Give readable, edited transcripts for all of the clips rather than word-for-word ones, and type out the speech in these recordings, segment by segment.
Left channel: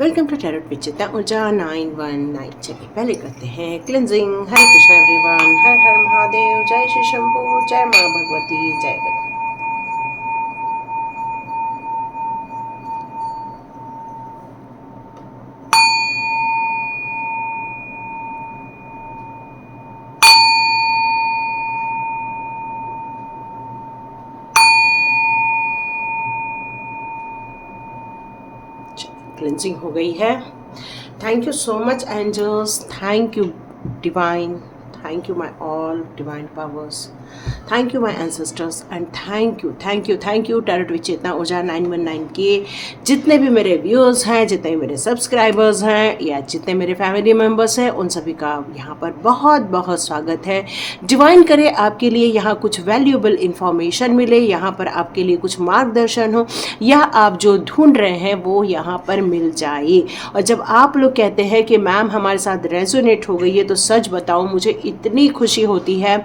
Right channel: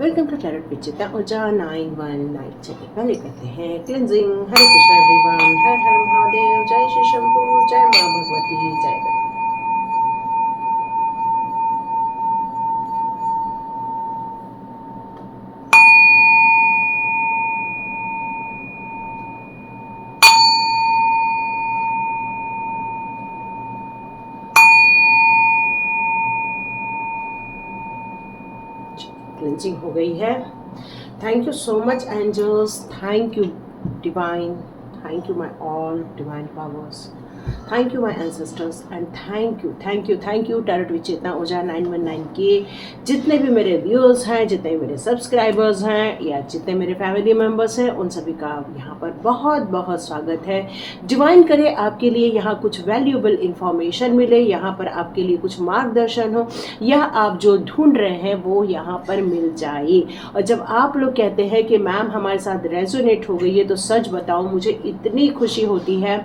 Welcome to tarot with Chitta Urja 919। चलिए पहले करते हैं क्लिनजिंग। हरे कृष्णा एवरीवन, हर हर महादेव, जय श्री शंभू, जय माँ भगवती, जय गणेश। क्लिनजिंग हो गई है। Thank you so much angels, thank you divine, thank you my all divine powers, thank you my ancestors and thank you tarot with Chitta Urja 919 के जितने भी मेरे व्यूअर्स हैं, जितने मेरे सब्सक्राइबर्स हैं या जितने मेरे फैमिली मेम्बर्स हैं, उन सभी का यहाँ पर बहुत बहुत स्वागत है। डिवाइन करे आपके लिए यहाँ कुछ वैल्यूएबल इंफॉर्मेशन मिले, यहाँ पर आपके लिए कुछ मार्गदर्शन हो या आप जो ढूंढ रहे हैं वो यहाँ पर मिल जाए। और जब आप लोग कहते हैं कि मैम हमारे साथ रेजोनेट हो गई है, तो सच बताऊँ मुझे इतनी खुशी होती है।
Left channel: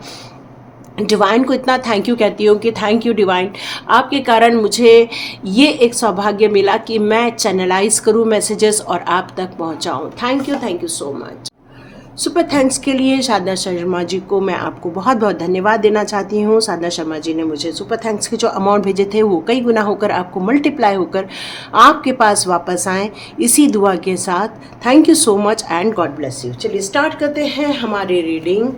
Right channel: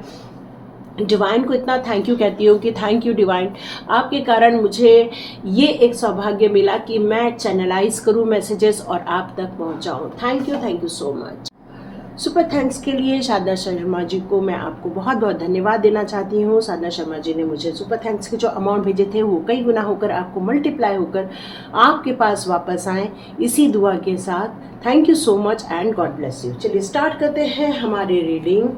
डिवाइन को इतना थैंक यू कहती हूँ कि थैंक यू डिवाइन, आपके कारण मुझे ये एक सौभाग्य मिला कि मैं चैनलाइज करूँ मैसेजेस और आप तक पहुँचाऊँ। Thank you so much. Super thanks के लिए साधना शर्मा जी को मैं आपको बहुत बहुत धन्यवाद देना चाहती हूँ। साधना शर्मा जी ने मुझे सुपर थैंक्स के जो अमाउंट भेजे थे वो कई गुना होकर आपको मल्टीप्लाई होकर आपके पास वापस आए, इसी दुआ के साथ। Thank you so much and God bless you. चलिए स्टार्ट करते हैं हमारी रीडिंग।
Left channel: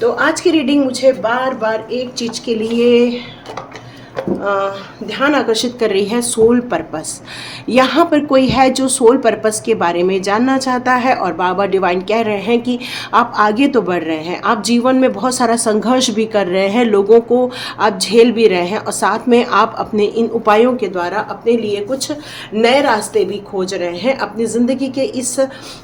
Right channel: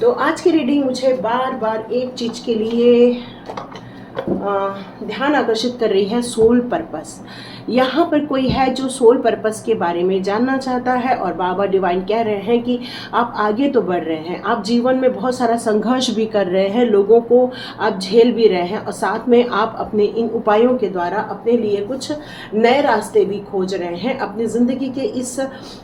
तो आज की रीडिंग मुझे बार बार एक चीज़ के लिए ध्यान आकर्षित कर रही है, सोल पर्पस। यहाँ पर कोई है जो सोल पर्पस के बारे में जानना चाहता है और बाबा डिवाइन कह रहे हैं कि आप आगे तो बढ़ रहे हैं, आप जीवन में बहुत सारा संघर्ष भी कर रहे हैं, लोगों को आप झेल भी रहे हैं और साथ में आप अपने इन उपायों के द्वारा अपने लिए कुछ नए रास्ते भी खोज रहे हैं। अपनी ज़िंदगी के इस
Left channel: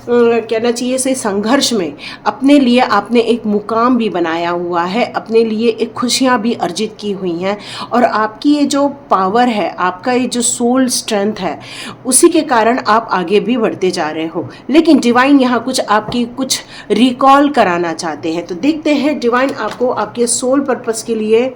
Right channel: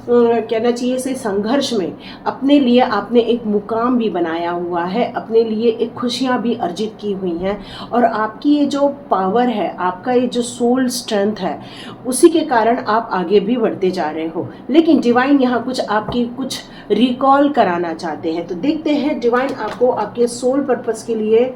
कहना चाहिए से संघर्ष में अपने लिए आपने एक मुकाम भी बनाया हुआ है, अपने लिए एक खुशियाँ भी अर्जित की हुई हैं और आपकी ये जो पावर है, आपका ये जो सोल स्ट्रेंथ है, उसी के कारण आप आगे भी बढ़ते जा रहे हो। लेकिन डिवाइन यहाँ कुछ आपकी कुछ रिकॉल कराना चाहते हैं। तो देखते हैं डिवाइन आपको आपके सोल पर्पस के लिए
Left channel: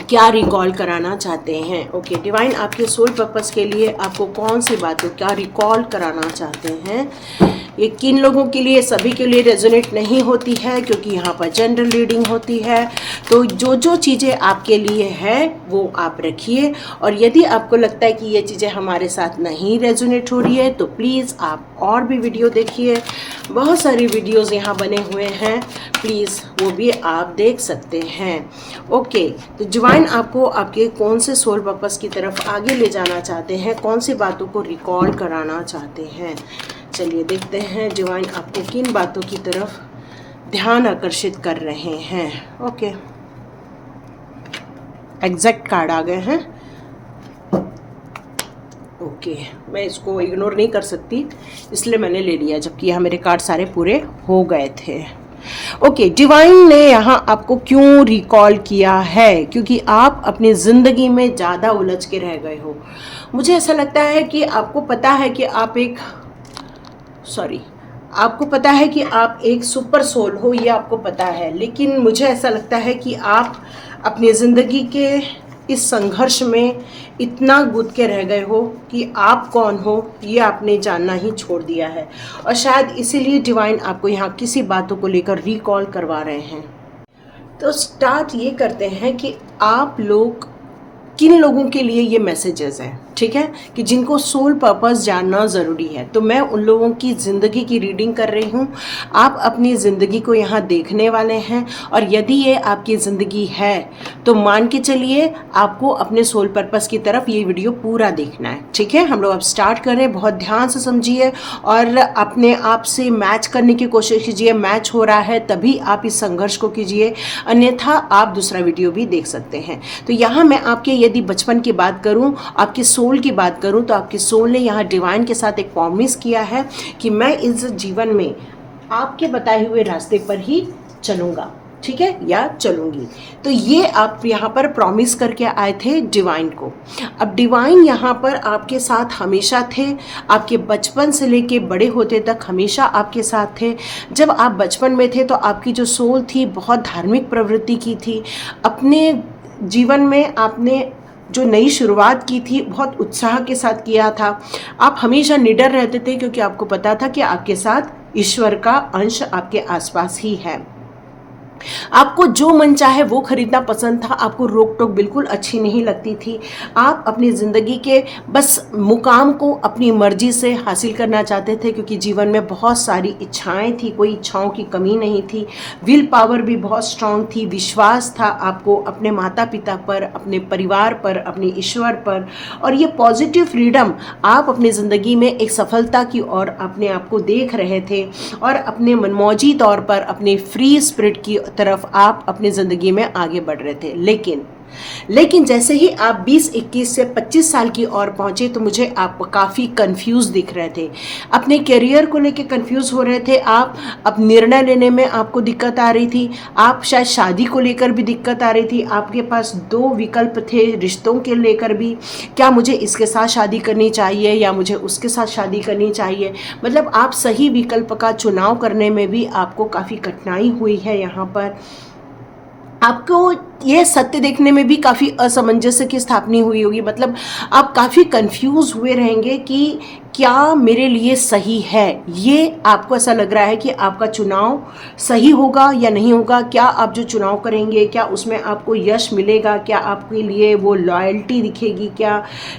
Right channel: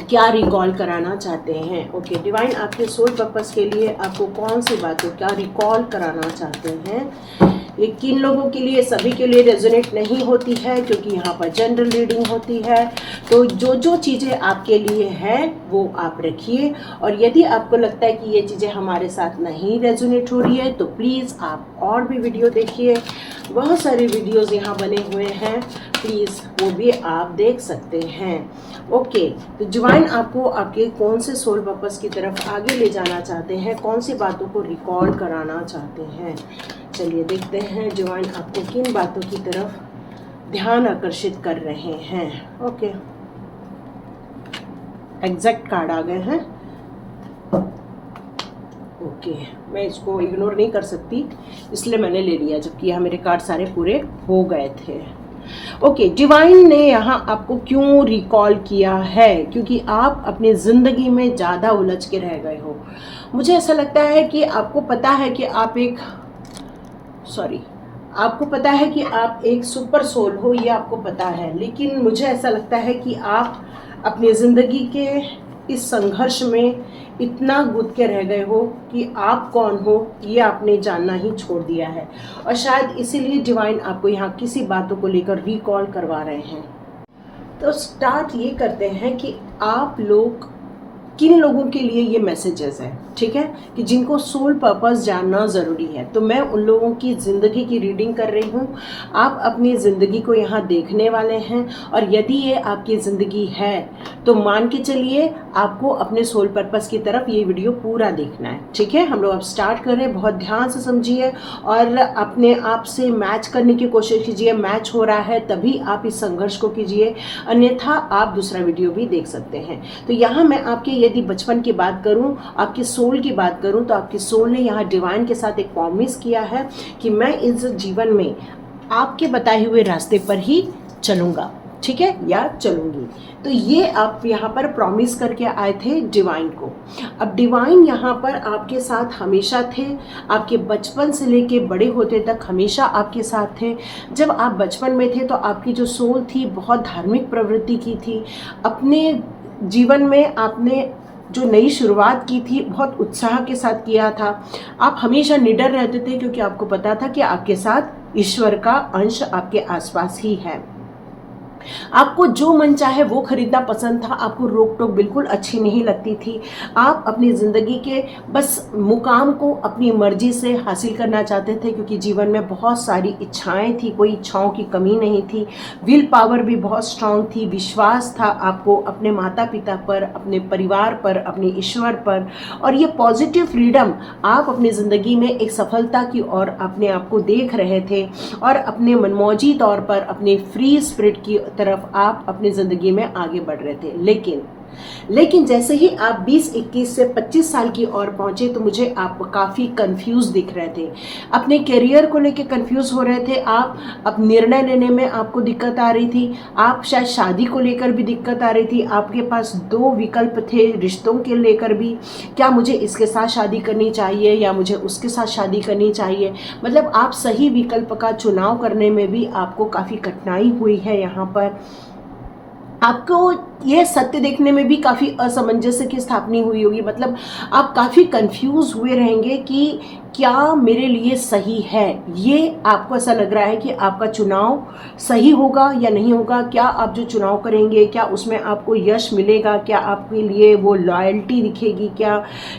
क्या रिकॉल कराना चाहते हैं। ओके डिवाइन आपके सोल पर्पस के लिए आपको कौन सी बातों क्या रिकॉल कराना चाहते हैं। ये किन लोगों के लिए, सभी के लिए रेजोनेट नहीं होती है क्योंकि यहाँ पर जनरल रीडिंग होती है। तो जो जो चीज़ें आपके लिए है वो आप रखिए और यदि आपको लगता है कि ये चीज़ें हमारे साथ नहीं रेजोनेट हो रही है तो प्लीज़ आप और भी वीडियो देखिए। बहुत सारी वीडियोज़ यहाँ बने हुए हैं, प्लीज़ वो भी आप देख सकते हैं। ओके तो डिवाइन आपको आपके कौन से सोल पर्पस की तरफ आगे ले जाना चाहते हैं, कौन सी बातों को रिकॉल कराना चाहते हैं। चलिए देखते हैं डिवाइन आपको किन बातों की तरफ ध्यान आकर्षित कर रहे हैं। ओके एग्जैक्ट कार्ड आ गए हैं। ओके मैं इसको इग्नोर नहीं कर सकती इसलिए मैंने ले लिया, जबकि यहाँ मेरे कार्ड सारे पूरे हो गए थे। ओके डिवाइन ने यहाँ आपको क्यों रिकॉल किया है, क्योंकि आप अपनी ज़िंदगी में ज़्यादा उलझ के रह गए हो। मुझे ऐसा लगता है कि आपको पता है कि आपको पता है कि आप एक सुपर सोल हो, ये आपको पता है, लेकिन मुझे ऐसा लगता है कि आप अपनी ज़िंदगी के इस संघर्ष में इतना गुद के रह गए हो कि आप कौन हो ये आपने जानना ही छोड़ दिया है और शायद इसीलिए डिवाइन आपको यहाँ किसी बातों को लेकर रिकॉल करवा रहे हैं। तो स्टार्ट ये करते हैं कि आप लोग किन लोगों के लिए ये मैसेजेस हैं, ठीक है, कि जिनको सोल पर्पस जानना ज़रूरी है। तो मैं उन लोगों की ज़िंदगी की रीडिंग कर रही हूँ। आप अपनी ज़िंदगी को यहाँ देखने वाले हैं और यदि ये आपकी ज़िंदगी है तो मान के चलिए आपको अपने सोल पर्पस की तरफ ये वीडियो पूरा देखना है, ठीक है। हम लोग अब स्टार्ट कर रहे हैं, बहुत ध्यान से समझिए और अपने आप से मैच करने की कोशिश कीजिए। मैच हो रहा है तभी आप इस संघर्ष को कीजिए, अन्यथा आप दूसरा वीडियो भी देख सकते हैं। तो यहाँ मैं आपके यदि बचपन की बात करूं, आपके सोल की बात करूं, तो आपके सोल ने यहाँ डिवाइन के साथ एक प्रॉमिस किया है कि मैं इस जीवन में आपके बताए हुए रास्ते पर ही चलूँगा, ठीक है, या चलूँगी। तो ये आप यहाँ पर प्रॉमिस करके आए थे डिवाइन को। अब डिवाइन यहाँ पर आपके साथ हमेशा थे, आपके बचपन से लेके बड़े होते तक हमेशा आपके साथ थे। जब आप बचपन में थे तो आपकी जो सोल थी बहुत धार्मिक प्रवृत्ति की थी। अपने जीवन में आपने जो नई शुरुआत की थी बहुत उत्साह के साथ किया था। आप हमेशा निडर रहते थे क्योंकि आपको पता था कि आपके साथ ईश्वर का अंश आपके आसपास ही है। आपको जो मन चाहे वो खरीदना पसंद था, आपको रोक टोक बिल्कुल अच्छी नहीं लगती थी। आप अपनी ज़िंदगी के बस मुकाम को अपनी मर्जी से हासिल करना चाहते थे क्योंकि जीवन में बहुत सारी इच्छाएं थी, कोई इच्छाओं की कमी नहीं थी। विल पावर भी बहुत स्ट्रांग थी, विश्वास था आपको अपने माता पिता पर, अपने परिवार पर, अपने ईश्वर पर। और ये पॉजिटिव फ्रीडम आप अपनी ज़िंदगी में एक सफलता की ओर अपने आप को देख रहे थे और अपने मनमौजी तौर पर अपने फ्री स्पिरिट की तरफ आप अपनी ज़िंदगी में आगे बढ़ रहे थे। लेकिन जैसे ही आप 20-21 से 25 साल की ओर पहुंचे तो मुझे आप काफ़ी कंफ्यूज दिख रहे थे। अपने करियर को लेके कंफ्यूज हो रहे थे आप, अब निर्णय लेने में आपको दिक्कत आ रही थी, आप शायद शादी को लेकर भी दिक्कत आ रही थी। आपके पास 2 विकल्प थे रिश्तों के लेकर भी, क्या मुझे इसके साथ शादी करनी चाहिए या मुझे उसके साथ शादी करनी चाहिए। मतलब आप सही विकल्प का चुनाव करने में भी आपको काफ़ी कठिनाई हुई है। यहाँ पर आपको ये सत्य देखने में भी काफ़ी असमंजस्य की स्थापना हुई होगी। मतलब आप काफ़ी कंफ्यूज हुए रहेंगे कि क्या मेरे लिए सही है। ये आपको ऐसा लग रहा है कि आपका चुनाव सही होगा या नहीं होगा, क्या आप जो चुनाव करेंगे क्या उसमें आपको यश मिलेगा, क्या आपके लिए वो लॉयल्टी दिखेगी, क्या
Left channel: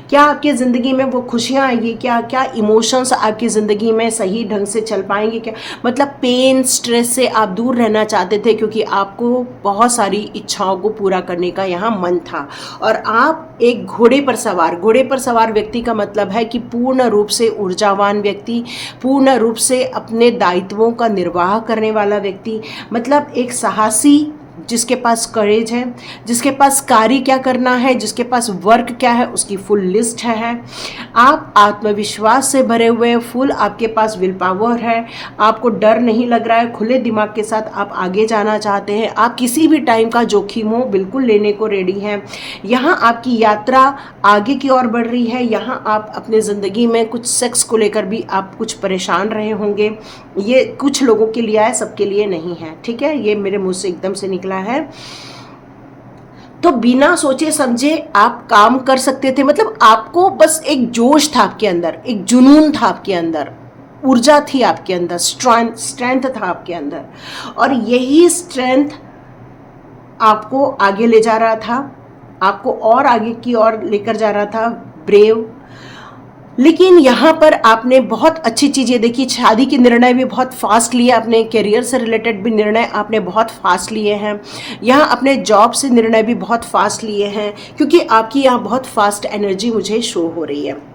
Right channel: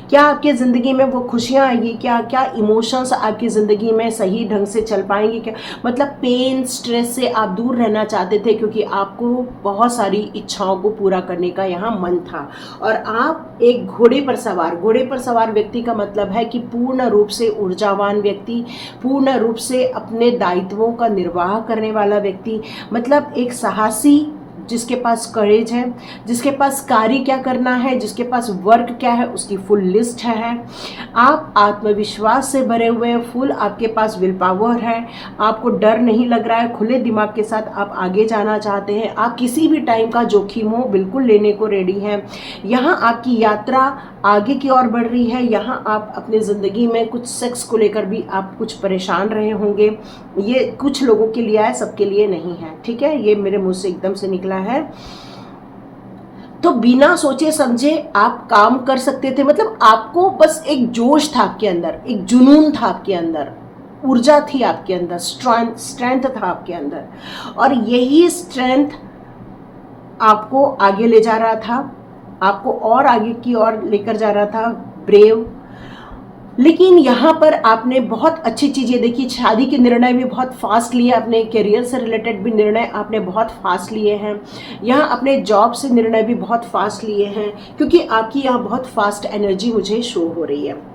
क्या आपकी ज़िंदगी में वो खुशियाँ आएगी, क्या क्या इमोशंस आपकी ज़िंदगी में सही ढंग से चल पाएंगे, क्या मतलब पेन स्ट्रेस से आप दूर रहना चाहते थे क्योंकि आपको बहुत सारी इच्छाओं को पूरा करने का यहाँ मन था। और आप एक घोड़े पर सवार व्यक्ति का मतलब है कि पूर्ण रूप से ऊर्जावान व्यक्ति, पूर्ण रूप से अपने दायित्वों का निर्वाह करने वाला व्यक्ति, मतलब एक साहसी जिसके पास करेज है, जिसके पास कार्य क्या करना है, जिसके पास वर्क क्या है उसकी फुल लिस्ट है। आप आत्मविश्वास से भरे हुए फुल, आपके पास विल पावर है, आपको डर नहीं लग रहा है, खुले दिमाग के साथ आप आगे जाना चाहते हैं, आप किसी भी टाइम का जोखिम हो बिल्कुल लेने को रेडी हैं। यहाँ आपकी यात्रा आगे की ओर बढ़ रही है। यहाँ आप अपने ज़िंदगी में कुछ सेक्स को लेकर भी आप कुछ परेशान रहे होंगे। ये कुछ लोगों के लिए है, सबके लिए नहीं है, ठीक है, ये मेरे मुंह से एकदम से निकला है। तो बिना सोचे समझे आप काम कर सकते थे। मतलब आपको बस एक जोश था आपके अंदर, एक जुनून था आपके अंदर, ऊर्जा थी आपके अंदर, स्ट्रेंथ था आपके अंदर, और यही स्ट्रेंथ आपको आगे ले जा रहा था, आपको और आगे की ओर लेकर जा रहा था, ब्रेव। लेकिन यहाँ पर आपने बहुत अच्छी चीज़ें देखी, शादी के निर्णय भी बहुत फास्ट लिए आपने, करियर से रिलेटेड भी निर्णय आपने बहुत फास्ट लिए हैं, यहाँ अपने जॉब से निर्णय भी बहुत फास्ट लिए हैं क्योंकि आपकी यहाँ बहुत फास्ट एनर्जी मुझे शो हो रही है।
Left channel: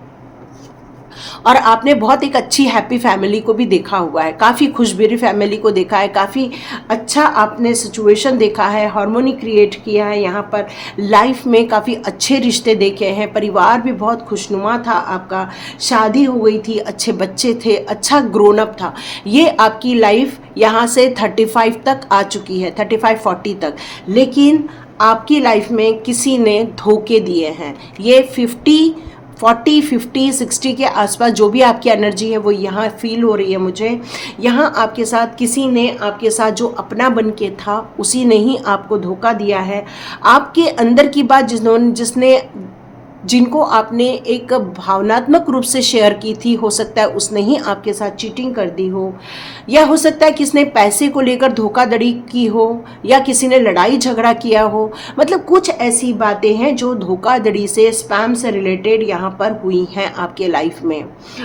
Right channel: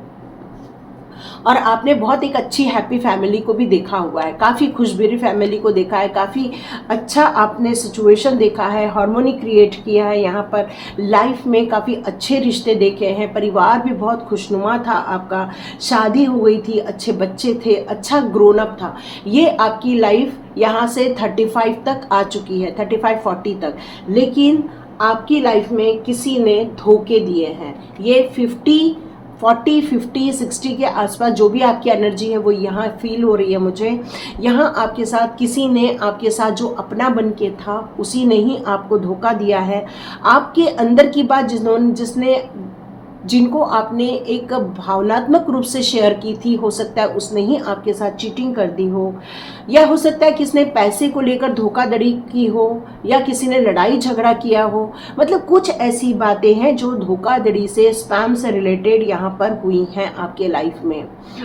और आपने बहुत एक अच्छी हैप्पी फैमिली को भी देखा हुआ है, काफ़ी खुशबरी फैमिली को देखा है, काफ़ी अच्छा आपने सिचुएशन देखा है, हार्मोनी क्रिएट किया है। यहाँ पर लाइफ में काफ़ी अच्छे रिश्ते देखे हैं, परिवार भी बहुत खुशनुमा था आपका, शादी हो गई थी, अच्छे बच्चे थे, अच्छा ग्रोन अप था। ये आपकी लाइफ यहाँ से 35 तक आ चुकी है, 35-40 तक। लेकिन आपकी लाइफ में किसी ने धोखे दिए हैं। ये 40-50-60 के आसपास जो भी आपकी एनर्जी है वो यहाँ फील हो रही है मुझे। यहाँ आपके साथ किसी ने, आपके साथ जो अपना बन के था उसी ने ही आपको धोखा दिया है। आपके अंदर की बात जिनको आपने एक भावनात्मक रूप से शेयर की थी, हो सकता है उसने ही आपके साथ चीटिंग कर दी हो, या हो सकता है किसने पैसे को लेकर धोखाधड़ी की हो, या किसी ने लड़ाई झगड़ा किया हो। मतलब कुछ ऐसी बातें हैं जो धोखाधड़ी से, स्पैम से रिलेटेड यहाँ पर हुई हैं आपके लाइफ में,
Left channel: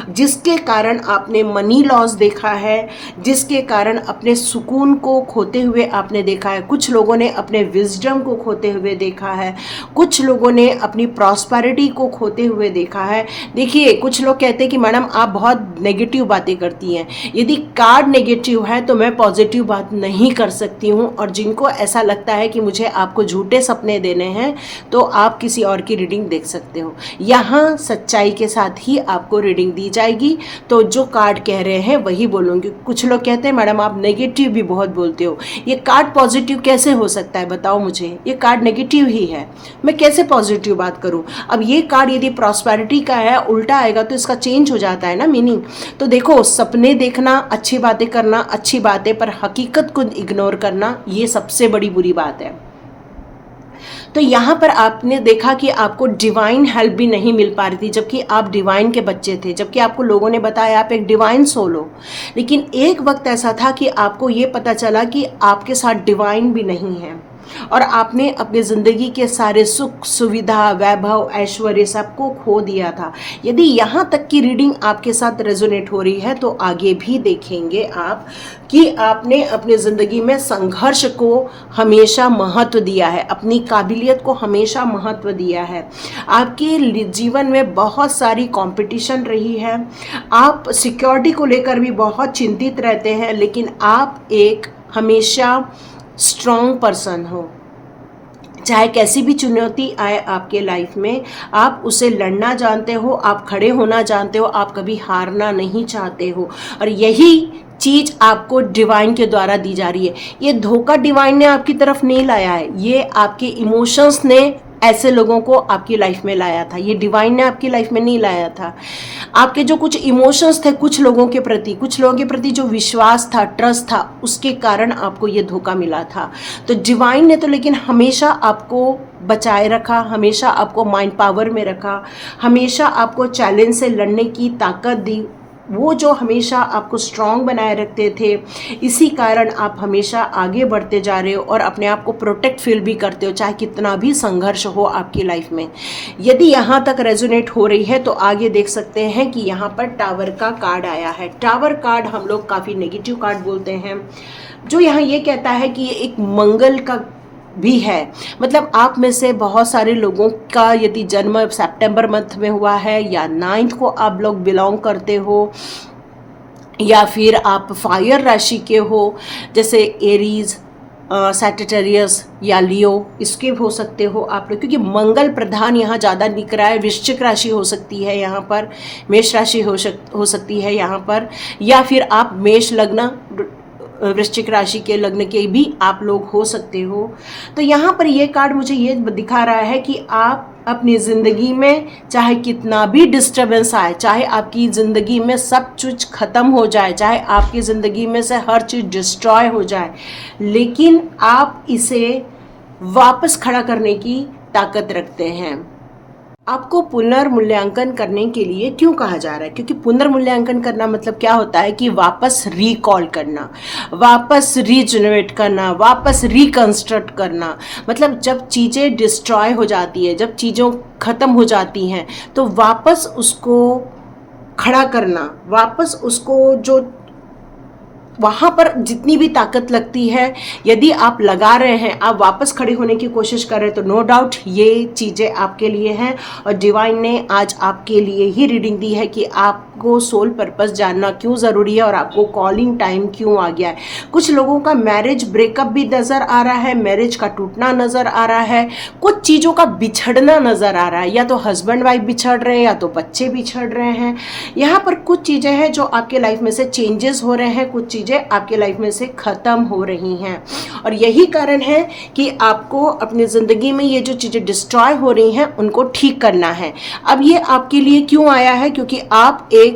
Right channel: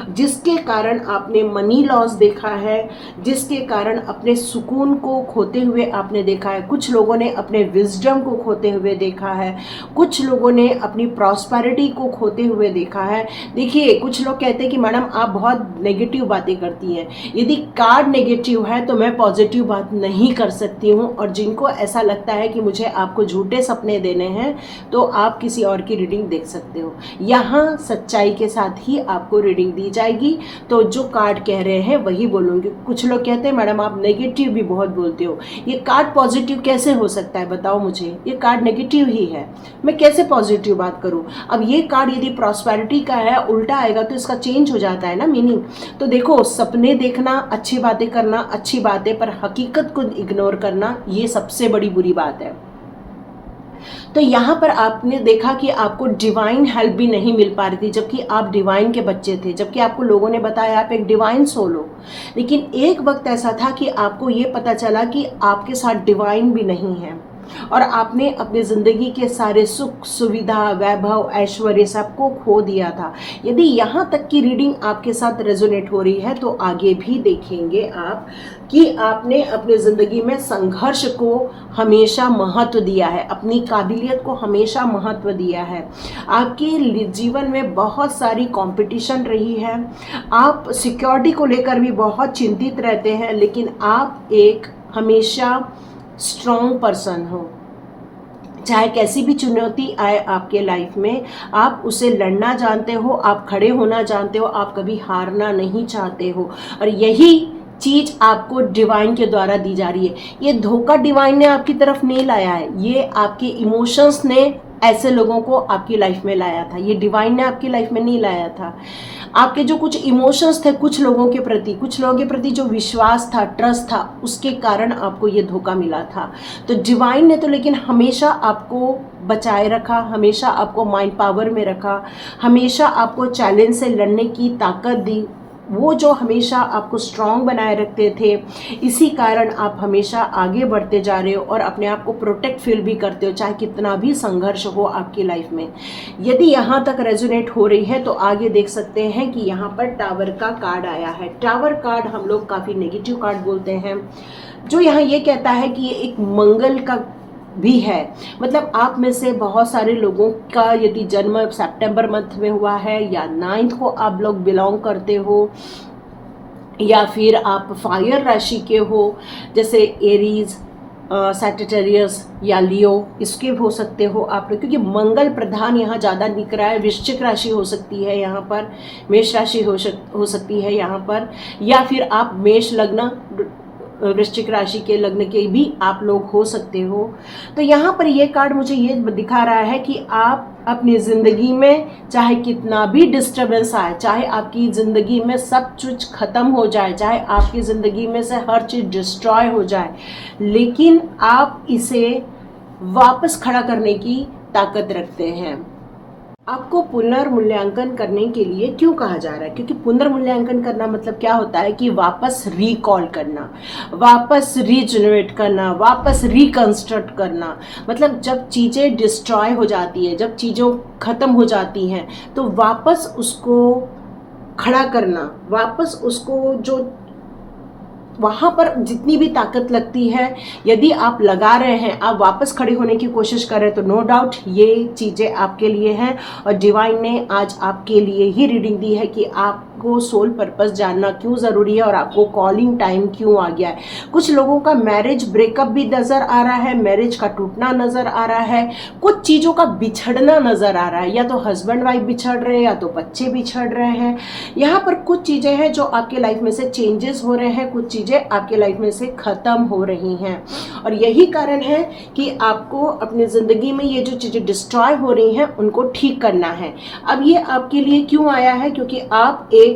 जिसके कारण आपने मनी लॉस देखा है, जिसके कारण अपने सुकून को खोते हुए आपने देखा है। कुछ लोगों ने अपने विजडम को खोते हुए देखा है, कुछ लोगों ने अपनी प्रॉस्पेरिटी को खोते हुए देखा है। देखिए, कुछ लोग कहते हैं कि मैडम आप बहुत नेगेटिव बातें करती हैं, यदि कार्ड नेगेटिव है तो मैं पॉजिटिव बात नहीं कर सकती हूँ। और जिनको ऐसा लगता है कि मुझे आपको झूठे सपने देने हैं तो आप किसी और की रीडिंग देख सकते हो। यहाँ सच्चाई के साथ ही आपको रीडिंग दी जाएगी, तो जो कार्ड कह रहे हैं वही बोलूँगी। कुछ लोग कहते हैं मैडम आप नेगेटिव भी बहुत बोलते हो, ये कार्ड पॉजिटिव कैसे हो सकता है, बताओ मुझे, ये कार्ड नेगेटिव ही है, मैं कैसे पॉजिटिव बात करूँ। अब ये कार्ड यदि प्रॉस्पेरिटी का है, उल्टा आएगा तो इसका चेंज हो जाता है ना मीनिंग। तो देखो, सपने देखना, अच्छी बातें करना अच्छी बात है, पर हकीकत को इग्नोर करना ये सबसे बड़ी बुरी बात है। तो यहाँ पर आपने देखा कि आपको डिवाइन हेल्प भी नहीं मिल पा रही थी, जबकि आप डिवाइन के बच्चे थे, जबकि आपको लोगों ने बताया आप एक डिवाइन सोल हो। लेकिन एक वक्त ऐसा था कि आपको ये पता चला कि आपके साथ डिवाइन भी नहीं है और आपने अपनी ज़िंदगी के सारे सुख सुविधा वैभव ऐश्वर्य सबको खो दिया था। यदि यहाँ तक की रीडिंग आपके साथ रेजोनेट हो रही है तो आगे भी देखेंगे आप कि आपने अपनी ज़िंदगी में संघर्ष को हमेशा महत्व दिया है, अपनी काबिलियत को हमेशा महत्व दिया है। आपके जीवन में बहुत सारी कंपटीशन रही है, आप सिक्योरिटी को लेकर भी बहुत चिंतित रहते हैं, लेकिन आप एक हमेशा स्ट्रॉन्ग पर्सन हो। चाहे कैसी भी चुनौती आए आपके लाइफ में, आप उसे लड़ना जानते हो, आप खड़े होना जानते हो, आप कभी हारना नहीं चाहते हो। और यही चीज़ आपको डिवाइन के द्वारा दी जा रही है। ये धोखा डिवाइन ने आपकी तरफ नहीं लाया है, ये आपके इमोशंस ने ऐसे लोगों को आपकी लाइफ में लाया था, ये डिवाइन ने आपकी लाइफ में नहीं लाया था। आपके जो कुछ इमोशंस थे कुछ लोगों के प्रति जो विश्वास था, ट्रस्ट था, उसके कारण आपको ये धोखा मिला था। तो डिवाइन ने तो लेकिन हमेशा आपको बचाए रखा, हमेशा आपको माइंड पावर में रखा, हमेशा आपको चैलेंज से लड़ने की ताकत दी। वो जो हमेशा आपको स्ट्रांग बनाए रखते थे, इसी कारण आप हमेशा आगे बढ़ते जा रहे हो और अपने आप को प्रोटेक्ट फील भी करते हो, चाहे कितना भी संघर्ष हो आपकी लाइफ में। यदि यहाँ तक रेजोनेट हो रही है तो आगे देख सकते हैं कि यहाँ पर टावर का कार्ड आया है। टावर कार्ड हम लोग काफ़ी नेगेटिव कार्ड बोलते हैं, जो यहाँ ये कहता है कि ये एक मंगल का भी है। मतलब आप में से बहुत सारे लोगों का यदि जन्म सितंबर मंथ में हुआ है या 9th को आप लोग बिलोंग करते हो, या फिर आप फायर राशि के हो, जैसे एरीज, सैजिटेरियस या लियो, इसके हो सकते हो आप लोग, क्योंकि मंगल प्रधान यहाँ ज़्यादा दिख रहा है। वृश्चिक राशि हो सकती है यहाँ पर, मेष राशि हो सकती है यहाँ पर, या फिर आप मेष लग्न वृश्चिक राशि के लग्न के भी आप लोग हो सकते हो। तो यहाँ पर ये कार्ड मुझे ये दिखा रहा है कि आप अपनी ज़िंदगी में चाहे कितना भी डिस्टर्बेंस आए, चाहे आपकी ज़िंदगी में सब कुछ ख़त्म हो जाए, चाहे आपकी ज़िंदगी में से हर चीज़ डिस्ट्रॉय हो जाए, लेकिन आप इसे वापस खड़ा करने की ताकत रखते हैं। आपको पुनर्मूल्यांकन करने के लिए क्यों कहा जा रहा है? क्योंकि पुनर्मूल्यांकन करना मतलब क्या होता है कि वापस रिकॉल करना, वापस रीजनरेट करना, वापस रिकंस्ट्रक्ट करना। मतलब जब चीज़ें डिस्ट्रॉय हो जाती है, जब चीज़ों ख़त्म हो जाती हैं, तो वापस उसको खड़ा करना, वापस उसको जो वहाँ पर जितनी भी ताकत लगती है, यदि आप लगा रहे हैं, आप वापस खड़े होने की कोशिश कर रहे हैं, तो नो डाउट ये चीज़ें आपके लिए हैं। और डिवाइन ने आज आपके लिए ही रीडिंग दी है कि आपको सोल पर्पस जानना क्यों ज़रूरी है और आपको कॉलिंग टाइम क्यों आ गया है। कुछ लोगों का मैरिज ब्रेकअप भी नज़र आ रहा है, मैरिज का टूटना नज़र आ रहा है, कुछ चीज़ों का बिछड़ना नज़र आ रहा है, या तो हस्बैंड वाइफ बिछड़ रहे हैं या तो बच्चे बिछड़ रहे हैं। यहाँ पर कुछ चीज़ें हैं जो आपके लाइफ में से चेंजेस हो रहे हैं, कुछ चीज़ें आपके लाइफ में से ख़त्म हो रही हैं। और यही कारण है कि आपको अपनी ज़िंदगी में ये जो चीज़ें डिस्ट्रॉय हो रही हैं उनको ठीक करना है। अब ये आपके लिए क्यों आया है? क्योंकि आप एक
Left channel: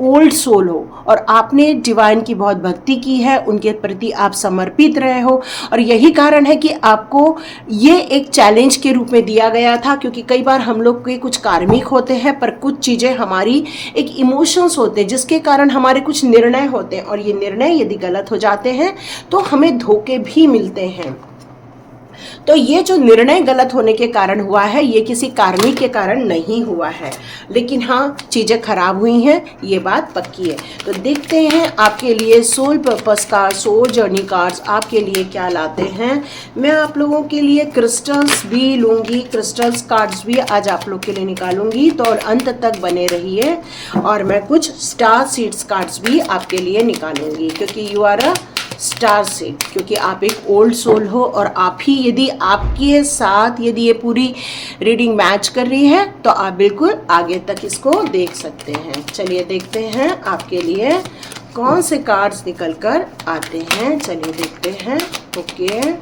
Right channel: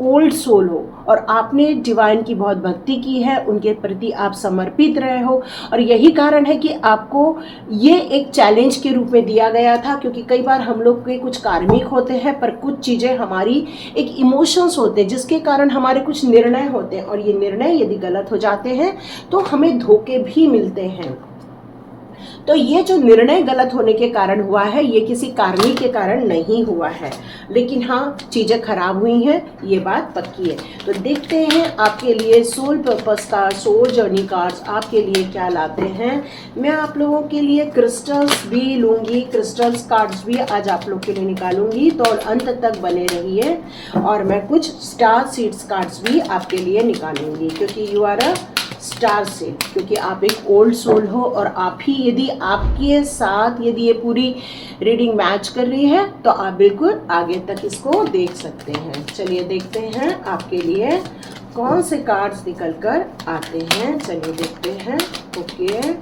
ओल्ड सोल हो और आपने डिवाइन की बहुत भक्ति की है, उनके प्रति आप समर्पित रहे हो, और यही कारण है कि आपको ये एक चैलेंज के रूप में दिया गया था। क्योंकि कई बार हम लोग के कुछ कार्मिक होते हैं, पर कुछ चीज़ें हमारी एक इमोशंस होते हैं जिसके कारण हमारे कुछ निर्णय होते हैं, और ये निर्णय यदि गलत हो जाते हैं तो हमें धोखे भी मिलते हैं। तो ये जो निर्णय गलत होने के कारण हुआ है, ये किसी कार्मिक के कारण नहीं हुआ है, लेकिन हाँ चीज़ें खराब हुई हैं, ये बात पक्की है। तो देखते हैं आपके लिए soul purpose card, soul journey cards आपके लिए क्या लाते हैं। मैं आप लोगों के लिए क्रिस्टल्स भी लूँगी, क्रिस्टल्स कार्ड्स भी आज आप लोग के लिए निकालूंगी, तो और अंत तक बने रहिए। और मैं कुछ स्टार सीड्स कार्ड्स भी आपके लिए निकालूंगी, क्योंकि you are a star seed, क्योंकि आप एक ओल्ड सोल हो, और आप ही यदि आपके साथ यदि ये पूरी रीडिंग मैच कर रही है तो आप बिल्कुल आगे तक इसको देख सकते हैं। चलिए देखते हैं आपके लिए कौन से कार्ड्स निकल कर आते हैं। चलिए देखते हैं। ओके,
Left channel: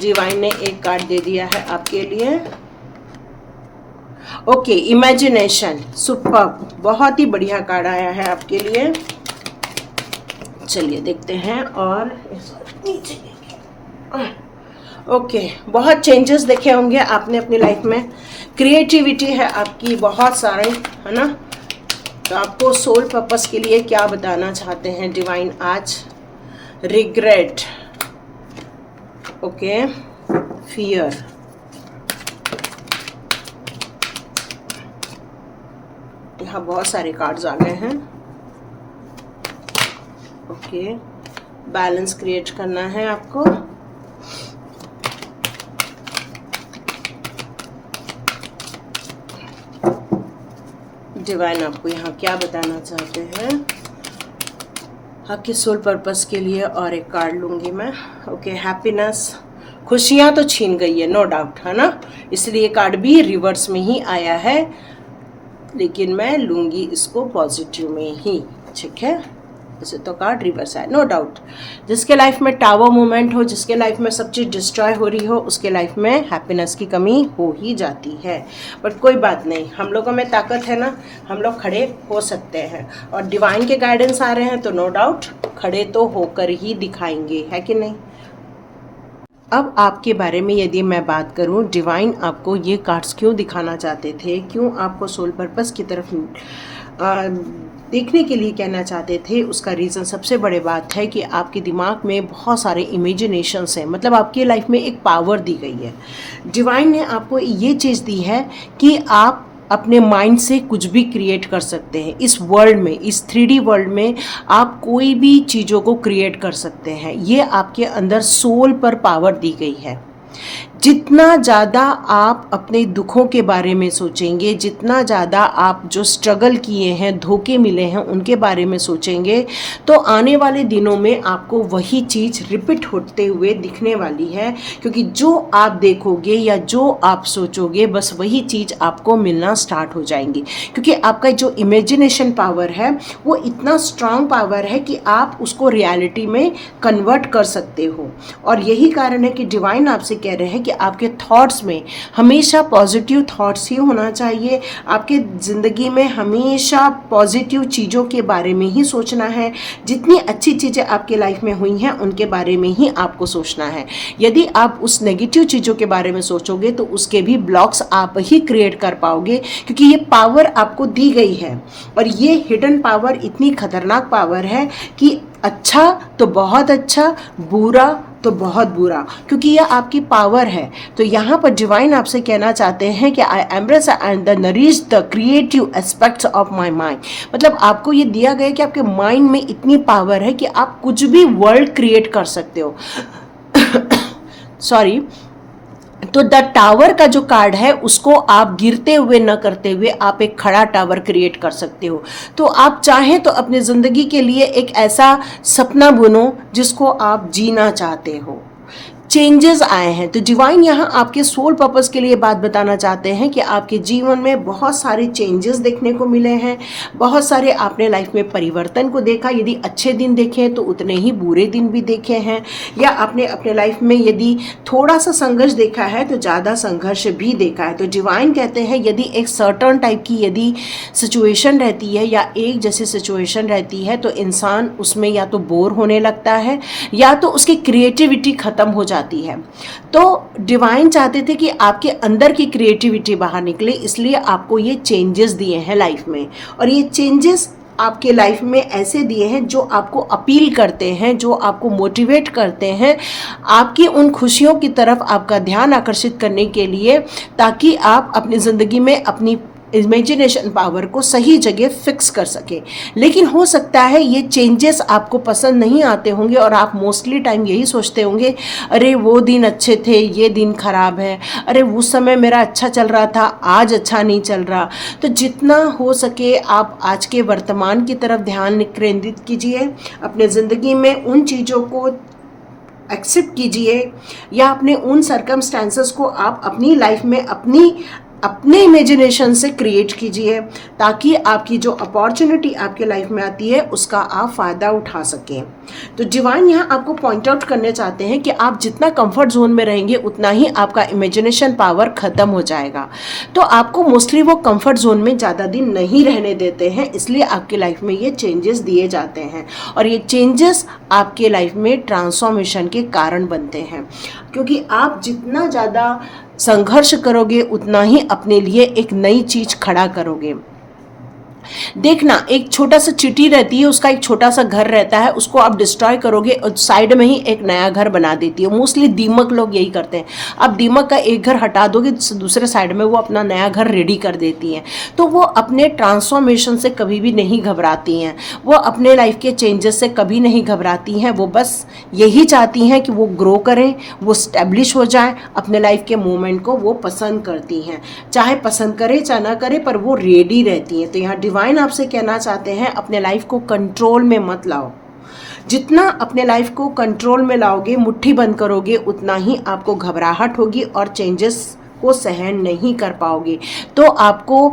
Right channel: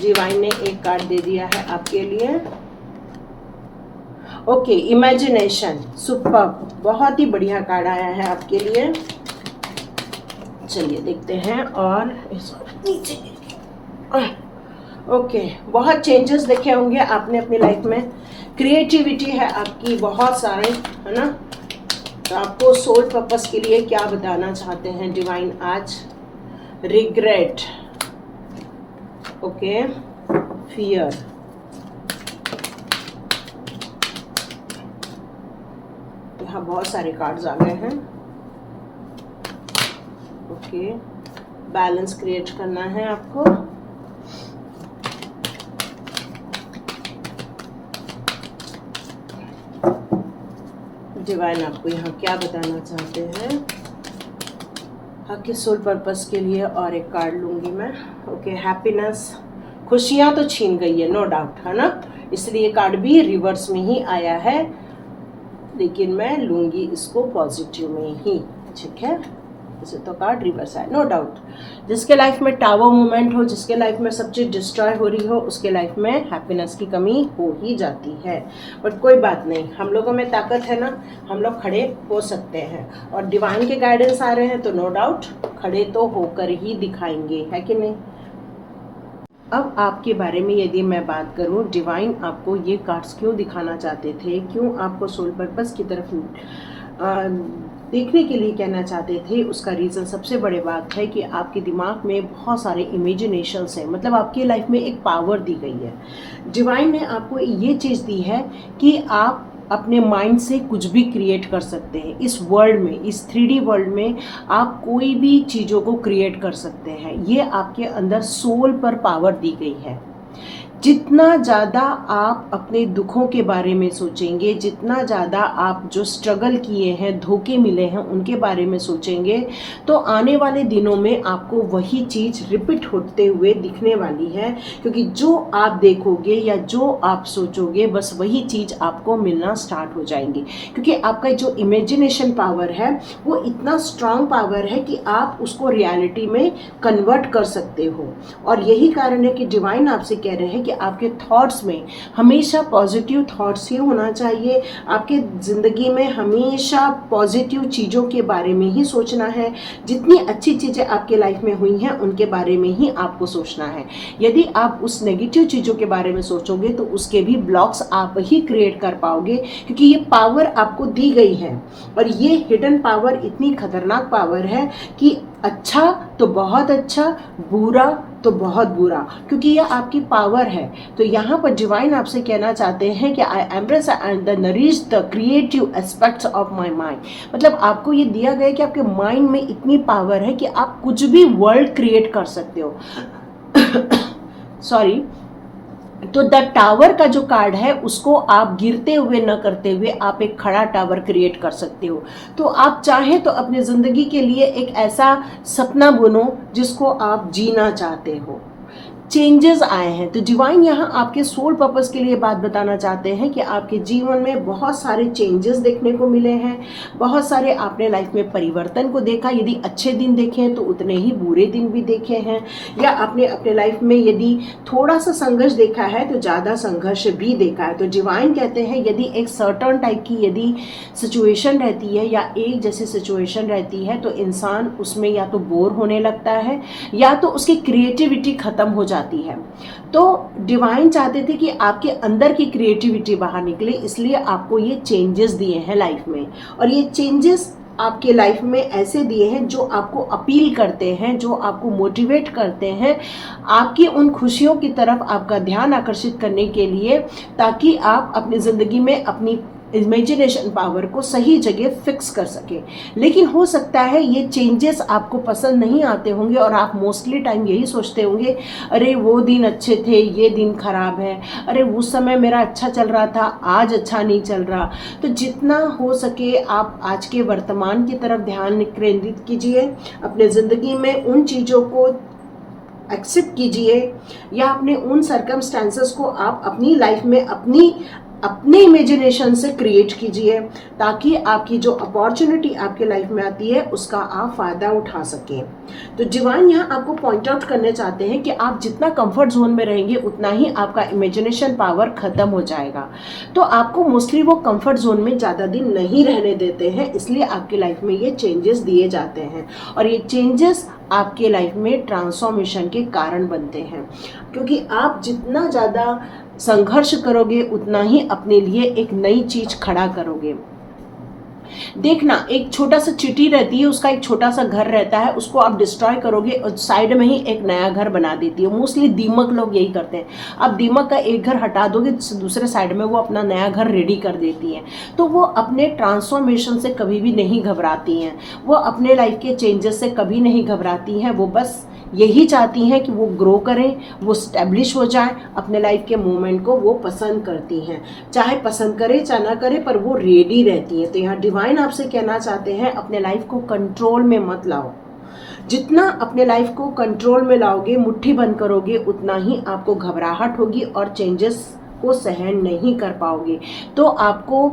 डिवाइन ने एक कार्ड दे दिया है आपके लिए। ओके, इमेजिनेशन, सुपर्ब, बहुत ही बढ़िया कार्ड आया है आपके लिए। चलिए देखते हैं। और नीचे ओके, बहुत चेंजेस देखे होंगे आपने अपनी लाइफ में। क्रिएटिविटी है आपकी बहुत सारे, है ना। तो आपको सोल पर्पस के लिए क्या बताना चाहते हैं डिवाइन आज? रिग्रेट, ओके, फियर, यहाँ बहुत सारे कार्ड्स आ गए हैं। ओके, बैलेंस क्रिएट करना है आपको। डिवाइन आपको यहाँ क्या बताना चाहते हैं आपके सोल पर्पस के लिए? और एक कार्ड लूंगी मैं। ओके, हैप्पीनेस, खुशियाँ तो छीन गई है नो डाउट, है ना, इसलिए कार्ड भी रिवर्स में ही आया है, लेकिन मैं लूंगी इसको पॉजिटिव में ही, ठीक है। वैसे तो कार्ड रिवर्स है नो डाउट। जिसके लाइफ में टावर मूवमेंट हो, जिसके लाइफ में सब चीज़ डिस्ट्रॉय हो रही हो, उसके लाइफ में हैप्पीनेस की कमी हो ही जाती है। बट कोई बात नहीं, हम लोगों में ताकत है ना, हम लोग खड़े हो सकते हैं। और डिवाइन के गाइडेंस आ रहे हैं तो नो डाउट खड़े तो होकर ही दिखाएंगे, है कि नहीं। अब आपके बारे में यदि मैं बात करूं, डिवाइन आपको ये कार्ड्स क्यों दिखाना चाहते थे, क्यों आपको सोल पर्पस की तरफ देखने के लिए कहना चाहते थे, उसका रीज़न सबसे बड़ी बात है कि आपके दिमाग में बहुत सारे इमेजिनेशंस हैं। मतलब आपके लाइफ में एक पावर दी गई है। डिवाइन ने आपको ये चीज़ दी है कि आप अपने माइंड से कुछ भी क्रिएट कर सकते हैं। इस वर्ल्ड में, इस 3D वर्ल्ड में आप कोई भी चीज़ों को क्रिएट कर सकते हैं। ये आपके अंदर सोल पर पावर दी गई है। जितना ज़्यादा आप अपने दुखों के बारे में सोचेंगे, जितना ज़्यादा आप जो स्ट्रगल किए हैं, धोखे मिले हैं, उनके बारे में सोचेंगे, तो आने वाले दिनों में आपको वही चीज़ रिपीट होते हुए दिखने वाली है। क्योंकि जो आप देखोगे या जो आप सोचोगे, बस वही चीज़ आपको मिलना स्टार्ट हो जाएंगी। क्योंकि आपका जो इमेजिनेशन पावर है वो इतना स्ट्रांग पावर है कि आप उसको रियलिटी में कन्वर्ट कर सकते हो। और यही कारण है कि डिवाइन आपसे कह रहे हैं कि आपके थॉट्स में हमेशा पॉजिटिव थॉट्स ही होना चाहिए। आपके ज़िंदगी में हमेशा पॉजिटिव चीज़ों के बारे में ही सोचना है। जितनी अच्छी चीज़ें आपके लाइफ में हुई हैं उनके बारे में ही आपको सोचना है। यदि आप उस नेगेटिव चीज़ों के बारे में सोचोगे तो उसके भी ब्लॉक्स आप ही क्रिएट कर पाओगे, क्योंकि ये पावर आपको दी गई है। और ये हिडन पावर इतनी खतरनाक पावर है कि अच्छा तो बहुत अच्छा, बुरा तो बहुत बुरा, क्योंकि यह आपकी पावर है। तो यहाँ पर डिवाइन आपसे कहना चाहते हैं कि I embrace and the nourish the creative aspects of my mind. मतलब आपको ये दिया गया कि आपके माइंड में इतनी पावर है कि आप कुछ भी वर्ल्ड क्रिएट कर सकते हो। सॉरी। तो द टावर का जो कार्ड है उसको आप गिरते हुए न करते हुए आप एक खड़ा टावर क्रिएट कर सकते हो। तो आप चाहें तो अपनी ज़िंदगी के लिए एक ऐसा सपना बुनो जिसको आप जीना चाहते हो। चेंजेस आए हैं तो डिवाइन यहाँ आपके सोल पर्पस के लिए बात बताना चाहते हैं कि आपके जीवन में बहुत सारे चेंजेस देखने को मिले हैं। बहुत सारे आपने लाइफ में परिवर्तन को देखा। यदि अच्छे दिन देखे तो उतने ही बुरे दिन भी देखे हैं, या आपने अपने लाइफ में यदि थोड़ा सा संघर्ष देखा है तो ज़्यादा संघर्ष भी देखा है। तो डिवाइन कहते हैं यदि एक सर्टन टाइप की यदि सिचुएशन रहती है या एक जैसी सिचुएशन रहती है तो इंसान उसमें या तो बोर होने लगता है या तो उसकी क्रिएटिविटी ख़त्म हो जाती है। तो डिवाइन चाहते थे कि आपके अंदर की क्रिएटिविटी बाहर निकले, इसलिए आपको ये चेंजेस दिए हैं लाइफ में। और ये चेंजेस आपके लाइफ में ऐसे दिए हैं जो आपको अपील करते हैं, जो आपको मोटिवेट करते हैं आपकी उन खुशियों की तरफ आपका ध्यान आकर्षित करने के लिए, ताकि आप अपनी ज़िंदगी में अपनी इमेजिनेशन पावर को सही जगह फिक्स कर सकें। लेकिन हो सकता है ये चेंजेस आपको पसंद नहीं आते होंगे और आप मोस्टली टाइम यही सोचते होंगे, अरे वो दिन अच्छे थे, ये दिन खराब है, अरे उस समय मेरा अच्छा चल रहा था, आज अच्छा नहीं चल रहा। तो जितना हो सके आप आज के वर्तमान की तरफ ध्यान केंद्रित कीजिए। अपने ज़िंदगी में उन चीज़ों को एक्सेप्ट कीजिए, या अपने उन सर्कमस्टेंसेस को आप अपनी लाइफ में अपनी अपने इमेजिनेशन से क्रिएट कीजिए, ताकि आपकी जो अपॉर्चुनिटी आपके लाइफ में आती है उसका आप फ़ायदा उठा सकें। तो डिवाइन यहाँ आपको पॉइंट आउट करने चाहते हैं कि आप जितना कंफर्ट जोन में रहेंगे उतना ही आपका इमेजिनेशन पावर ख़त्म हो जाएगा। तो आपको मोस्टली वो कंफर्ट जोन में ज़्यादा दिन नहीं रहने देते हैं, इसलिए आपकी लाइफ में ये चेंजेस दिए जाते हैं, और ये चेंजेस आपके लाइफ में ट्रांसफॉर्मेशन के कारण बनते हैं। क्योंकि आप जितना ज़्यादा संघर्ष करोगे उतना ही अपने लिए एक नई चीज़ खड़ा करोगे। देखना, एक छोटा सा चींटी रहती है, उसका एक छोटा सा घर रहता है, उसको आप डिस्ट्रॉय करोगे और साइड में ही एक नया घर बना देती है। मोस्टली दीमक लोग यही करते हैं। आप दीमक का एक घर हटा दोगे, दूसरे साइड में वो अपना नया घर रेडी कर देती हैं। तो वो अपने ट्रांसफॉर्मेशन से कभी भी नहीं घबराती हैं, वो अपने लाइफ के चेंजेस से कभी नहीं घबराती हैं। वो बस यही चाहती हैं कि वो ग्रो करें, वो स्टैब्लिश हो जाए, अपने लाइफ के मूवमेंट को वो पसंद करती हैं। चाहे पसंद करे चाहे ना करे, पर वो रेडी रहती हैं। तो यहाँ डिवाइन आपसे कहना चाहते हैं, अपने लाइफ को कंट्रोल में मत लाओ। जितना अपने लाइफ को कंट्रोल में लाओगे, मुट्ठी बंद करोगे, उतना ही आपको घबराहट होगी और चेंजेस को सहन नहीं कर पाओगे। तो आपको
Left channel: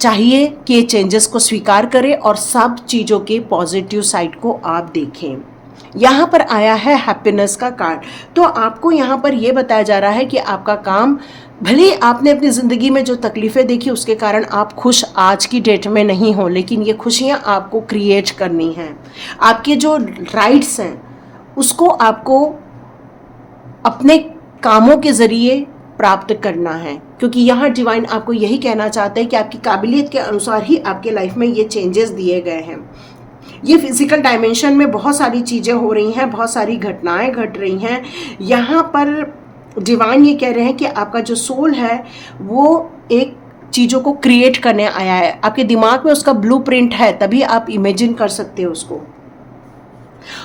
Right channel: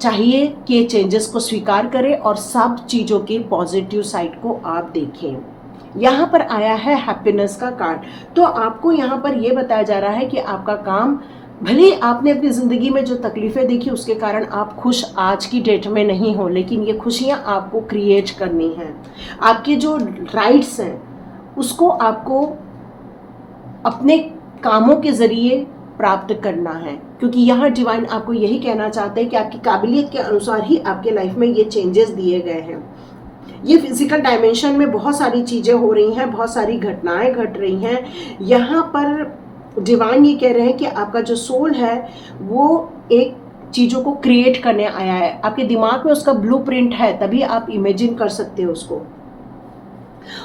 चाहिए कि ये चेंजेस को स्वीकार करें और सब चीज़ों के पॉजिटिव साइड को आप देखें। यहाँ पर आया है हैप्पीनेस का कार्ड। तो आपको यहाँ पर ये बताया जा रहा है कि आपका काम, भले आपने अपनी ज़िंदगी में जो तकलीफ़ें देखी उसके कारण आप खुश आज की डेट में नहीं हो, लेकिन ये खुशियाँ आपको क्रिएट करनी हैं। आपके जो राइट्स हैं उसको आपको अपने कामों के ज़रिए प्राप्त करना है, क्योंकि यहाँ डिवाइन आपको यही कहना चाहते हैं कि आपकी काबिलियत के अनुसार ही आपके लाइफ में ये चेंजेस दिए गए हैं। ये फिजिकल डायमेंशन में बहुत सारी चीज़ें हो रही हैं, बहुत सारी घटनाएं घट रही हैं। यहाँ पर डिवाइन ये कह रहे हैं कि आपका जो सोल है वो एक चीज़ों को क्रिएट करने आया है। आपके दिमाग में उसका ब्लूप्रिंट है, तभी आप इमेजिन कर सकते हो उसको,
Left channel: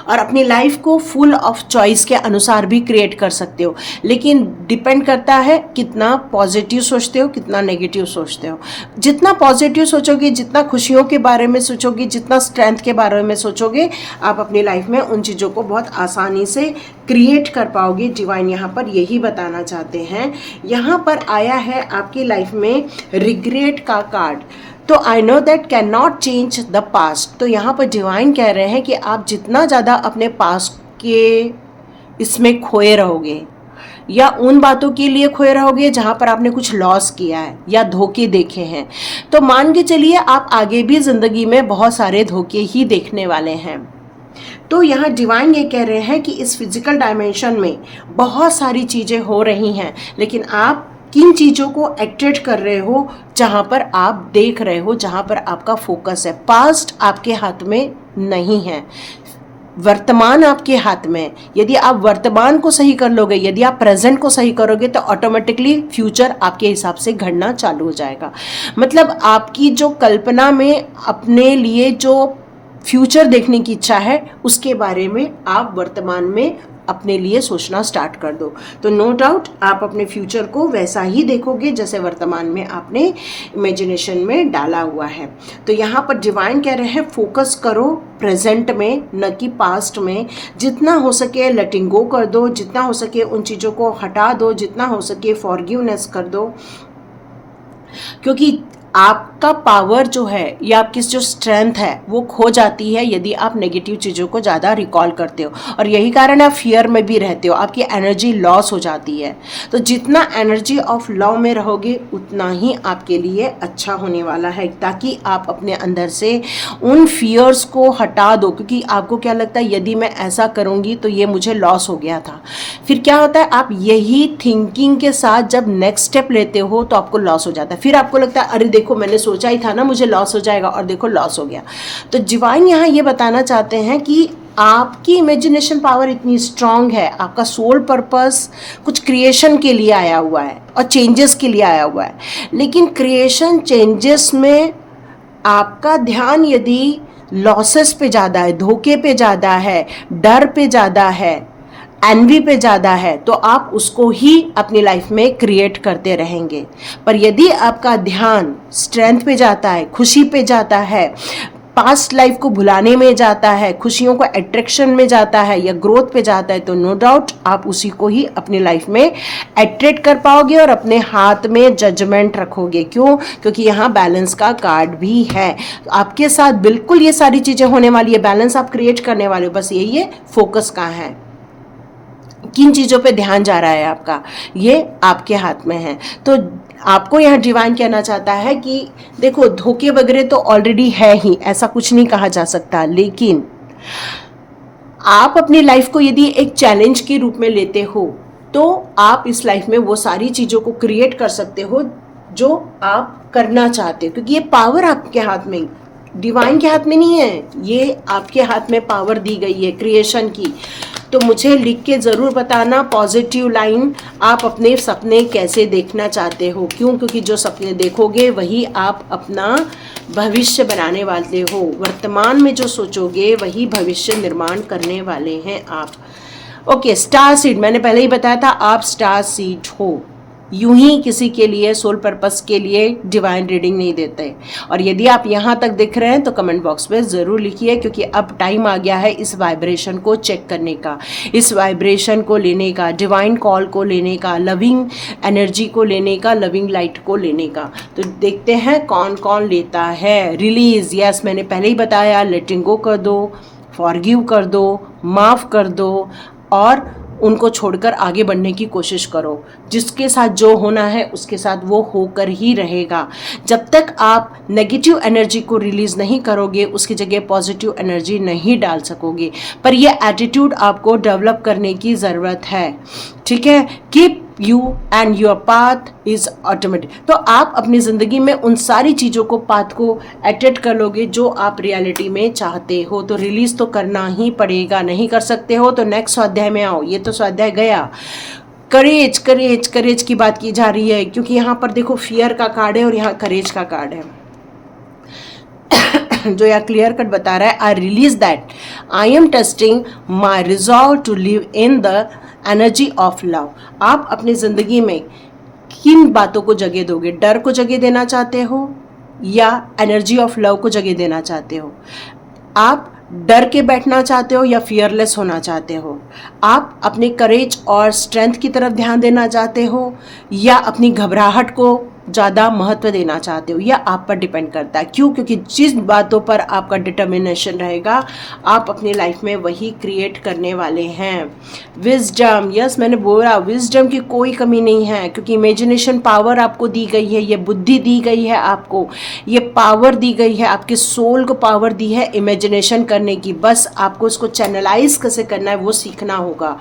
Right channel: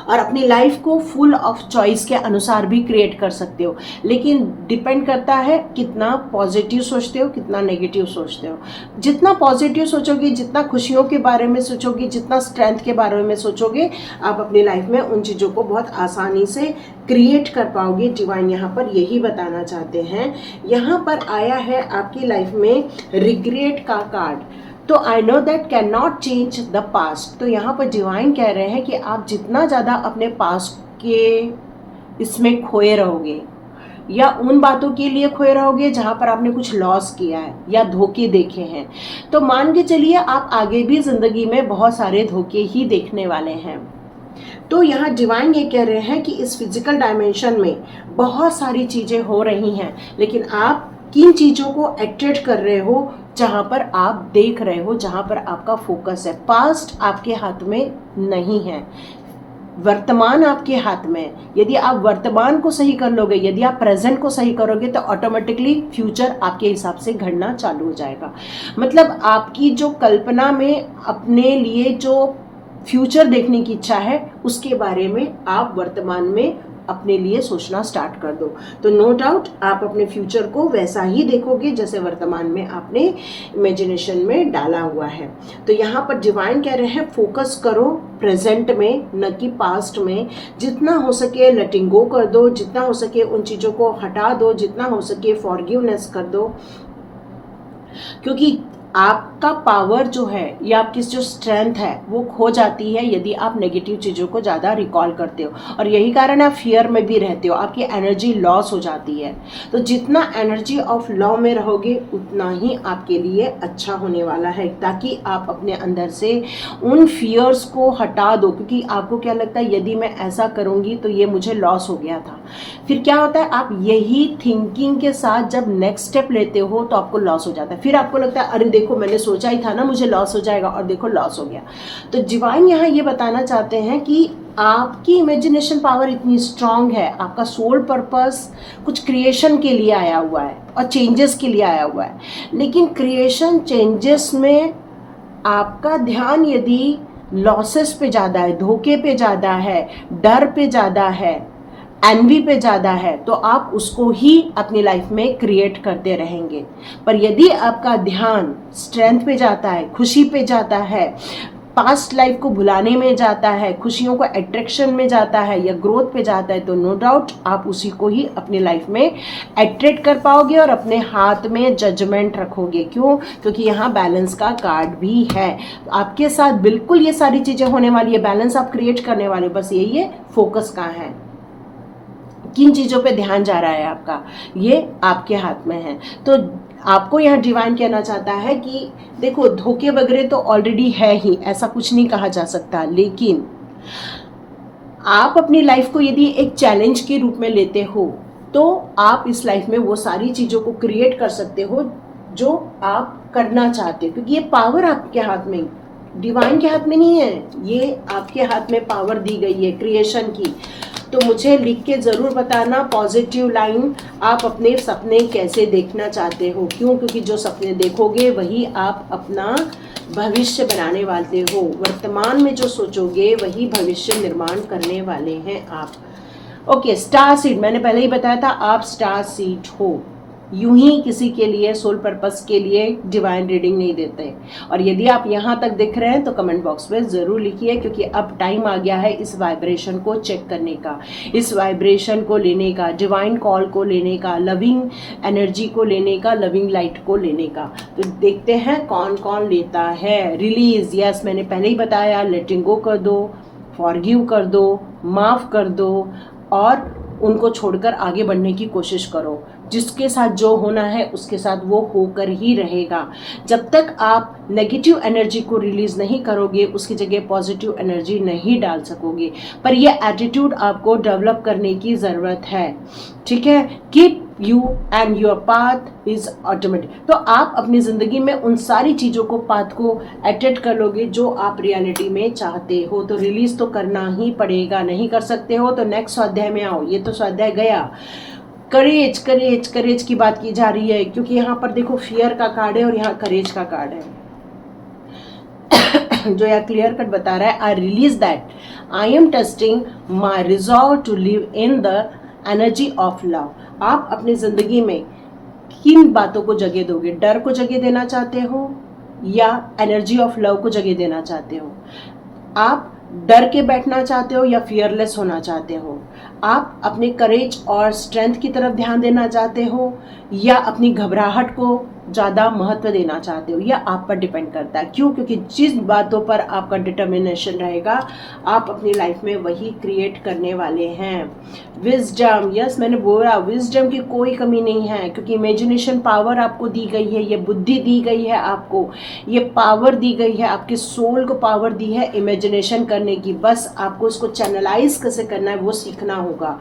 और अपनी लाइफ को फुल ऑफ चॉइस के अनुसार भी क्रिएट कर सकते हो। लेकिन डिपेंड करता है कितना पॉजिटिव सोचते हो, कितना नेगेटिव सोचते हो। जितना पॉजिटिव सोचोगे, जितना खुशियों के बारे में सोचोगे, जितना स्ट्रेंथ के बारे में सोचोगे, आप अपनी लाइफ में उन चीज़ों को बहुत आसानी से क्रिएट कर पाओगे। डिवाइन यहाँ पर यही बताना चाहते हैं। यहाँ पर आया है आपकी लाइफ में रिग्रेट का कार्ड। तो I know that can not change the past. तो यहाँ पर डिवाइन कह रहे हैं कि आप जितना ज़्यादा अपने पास्ट के इसमें खोए रहोगे, या उन बातों के लिए खोए रहोगे जहाँ पर आपने कुछ लॉस किया है या धोखे देखे हैं, तो मान के चलिए आप आगे भी ज़िंदगी में बहुत सारे धोखे ही देखने वाले हैं। तो यहाँ डिवाइन ये कह रहे हैं कि इस फिजिकल डायमेंशन में बहुत सारी चीज़ें हो रही हैं, लेकिन आप किन चीज़ों को अट्रैक्ट कर रहे हो, जहाँ पर आप देख रहे हो, जहाँ पर आपका फोकस है। पास्ट आपके हाथ में नहीं है, वर्तमान आपके हाथ में। यदि आप वर्तमान को सही कर लोगे, यदि आप प्रेजेंट को सही करोगे, तो ऑटोमेटिकली फ्यूचर आपके हिसाब से घड़ना चालू हो जाएगा। मतलब आपकी जो कल्पना में अपने लिए जो फ्यूचर देखने की इच्छा है, उसके बारे में आप वर्तमान में अपने लिए सोचना स्टार्ट कर दो। तो नो डाउट आप अपने फ्यूचर को वैसा ही देखोगे जैसे वर्तमान में आपने इमेजिनेशन में डाला हुआ है। तो यहाँ पर डिवाइन कह रहे हैं, फोकस करो प्रेजेंट में, न कि पास्ट में। जितना हो सके लेटिंग गो कर दो, जितना हो सके उन चीज़ों को हटा दो, जितना हो सके फॉरगिवनेस कर दो। क्योंकि आपका पावर जो है या आपकी जो स्ट्रेंथ है वो खो जाती है यदि आप नेगेटिव चीज़ों को ज़्यादा रिकॉल करते हो, और यही कारण है आप फियर में भी रहते हो, आपकी एनर्जी लॉस हो जाती है। तो जितना एनर्जी ऑफ लॉ में रहोगे उतना ही आपके लिए अच्छा होने वाला है, ताकि आप अपने अंदर से उन फियर्स को हटा दो। क्योंकि आपको क्या लगता है, यदि मैं ऐसा करूँगी तो ये मुझे लॉस हो गया था। फिर क्या होता है, आप यही थिंकिंग के साथ जब नेक्स्ट स्टेप लेते हो तो आपको लॉस हो जाता है। फिर आपको लगता है अरे देखो मैंने सोचा ही था ना मुझे लॉस हो जाएगा, और देखो लॉस हो गया। तो डिवाइन यहाँ ये बताना चाहते हैं कि आपकी इमेजिनेशन पावर इतनी स्ट्रांग है, आपका सोल पर्पस कुछ क्रिएशन के लिए आया हुआ है और चेंजेस के लिए आया हुआ है। लेकिन क्रिएशन चेंजेस में आपका ध्यान यदि लॉसेस पे ज़्यादा है, धोखे पे ज़्यादा है, डर पे ज़्यादा है, एनवी पे ज़्यादा है, तो आप उसको ही अपनी लाइफ में क्रिएट करते रहेंगे। पर यदि आपका ध्यान स्ट्रेंथ पे जाता है, खुशी पे जाता है, पास्ट लाइफ को भुलाने में जाता है, खुशियों को अट्रैक्शन में जाता है या ग्रोथ पे जाता है, तो नो डाउट आप उसी को ही अपनी लाइफ में अट्रैक्ट कर पाओगे और अपने हाथ में जजमेंट रखोगे। क्यों? क्योंकि यहाँ बैलेंस का कार्ड भी है। तो आपके साथ बिल्कुल ये सारी चीज़ें होने वाली है, बैलेंस आप क्रिएट करने वाले हो। बस यही है, फोकस कहाँ है, किन चीज़ों पे ध्यान जा रहा है आपका, ये आपके हाथ में है। तो आपको यहाँ डिवाइन कहना चाहता है कि देखो, धोखे वगैरह तो ऑलरेडी है ही, ऐसा कुछ नहीं कहा जा सकता, लेकिन आप अपनी लाइफ को यदि एक चैलेंज के रूप में लेते हो तो आप इस लाइफ में वो सारी चीज़ों को क्रिएट कर सकते हो जो आप करना चाहते हो, क्योंकि ये पावर आपके हाथ में, डिवाइन के हाथ में नहीं है, ये आपके हाथ में पावर दी गई है क्रिएशन की। तो मुझे लिख के ज़रूर बताना पॉजिटिव लाइन, आप अपने सपने कैसे देखना चाहते हो। क्यों? क्योंकि जो सपने देखोगे वही आप अपना भविष्य बनाने वाले हो, वर्तमान में जो सोचोगे वही भविष्य निर्माण करने वाले हैं आप। ओके, स्टार सीड, मैंने पहले ही बताया था आप स्टार सीड हो। यूं ही किसी के लिए सोल पर्पस के लिए डिवाइन रीडिंग नहीं देते। और यदि आप यहाँ तक दिख रहे हैं तो कमेंट बॉक्स में ज़रूर लिखिए, क्योंकि अब टाइम आ गया है इस वाइब्रेशन को चेक करने का, इस वाइब्रेशन को लेने का, डिवाइन कॉल को लेने का, लविंग एनर्जी को लेने का, लविंग लाइट को लेने का। तो देखते हैं कौन कौन लेता है। रिलीज, यस मैंने पहले ही बताया, लेटिंग गो कर दो, फॉरगिव कर दो, माफ़ कर दो और उनको छोड़कर आगे बढ़ने की कोशिश करो। जिसके साथ जो होना है उसके साथ वो होकर ही रहेगा। जब तक आप नेगेटिव एनर्जी को रिलीज नहीं करोगे उसकी जगह पॉजिटिव एनर्जी नहीं डाल सकोगे। पर ये एटीट्यूड आपको डेवलप करने की ज़रूरत है, ठीक है। Keep you and your path is automatic. तो आप अपनी ज़िंदगी में उन सारी चीज़ों को, पाथ को अटेंड कर लोगे जो आप रियलिटी में चाहते हो। तो रिलीज तो करना ही पड़ेगा, नहीं कर सकते हो तो नेक्स्ट स्वाध्याय में आओ। ये तो स्वाध्याय गया, करेज करेज करेज की बात की जा रही है, क्योंकि यहाँ पर देखो फियर का कार्ड है और यहाँ करेज का कार्ड है। जो यहाँ क्लियर कट बता रहा है, I release that I am testing my resolve to live in the energy of love. आप अपनी ज़िंदगी में किन बातों को जगह दोगे? डर को जगह देना चाहते हो या एनर्जी ऑफ लव को जगह देना चाहते हो? आप डर के बैठना चाहते हो या फियरलेस होना चाहते हो? आप अपने करेज और स्ट्रेंथ की तरफ ध्यान देना चाहते हो या अपनी घबराहट को ज़्यादा महत्व देना चाहते हो? या आप पर डिपेंड करता है। क्यों? क्योंकि जिस बातों पर आपका डिटर्मिनेशन रहेगा आप अपनी लाइफ में वही क्रिएट करने वाले हैं। विजडम, यस मैंने बोला विजडम की कोई कमी नहीं है, क्योंकि इमेजिनेशन पावर आपको दी गई है, ये बुद्धि दी गई है आपको, ये पावर दी गई है, आपके सोल को पावर दी है इमेजिनेशन करने की। बस आपको इसको चैनलाइज कैसे करना है वो सीखना होगा,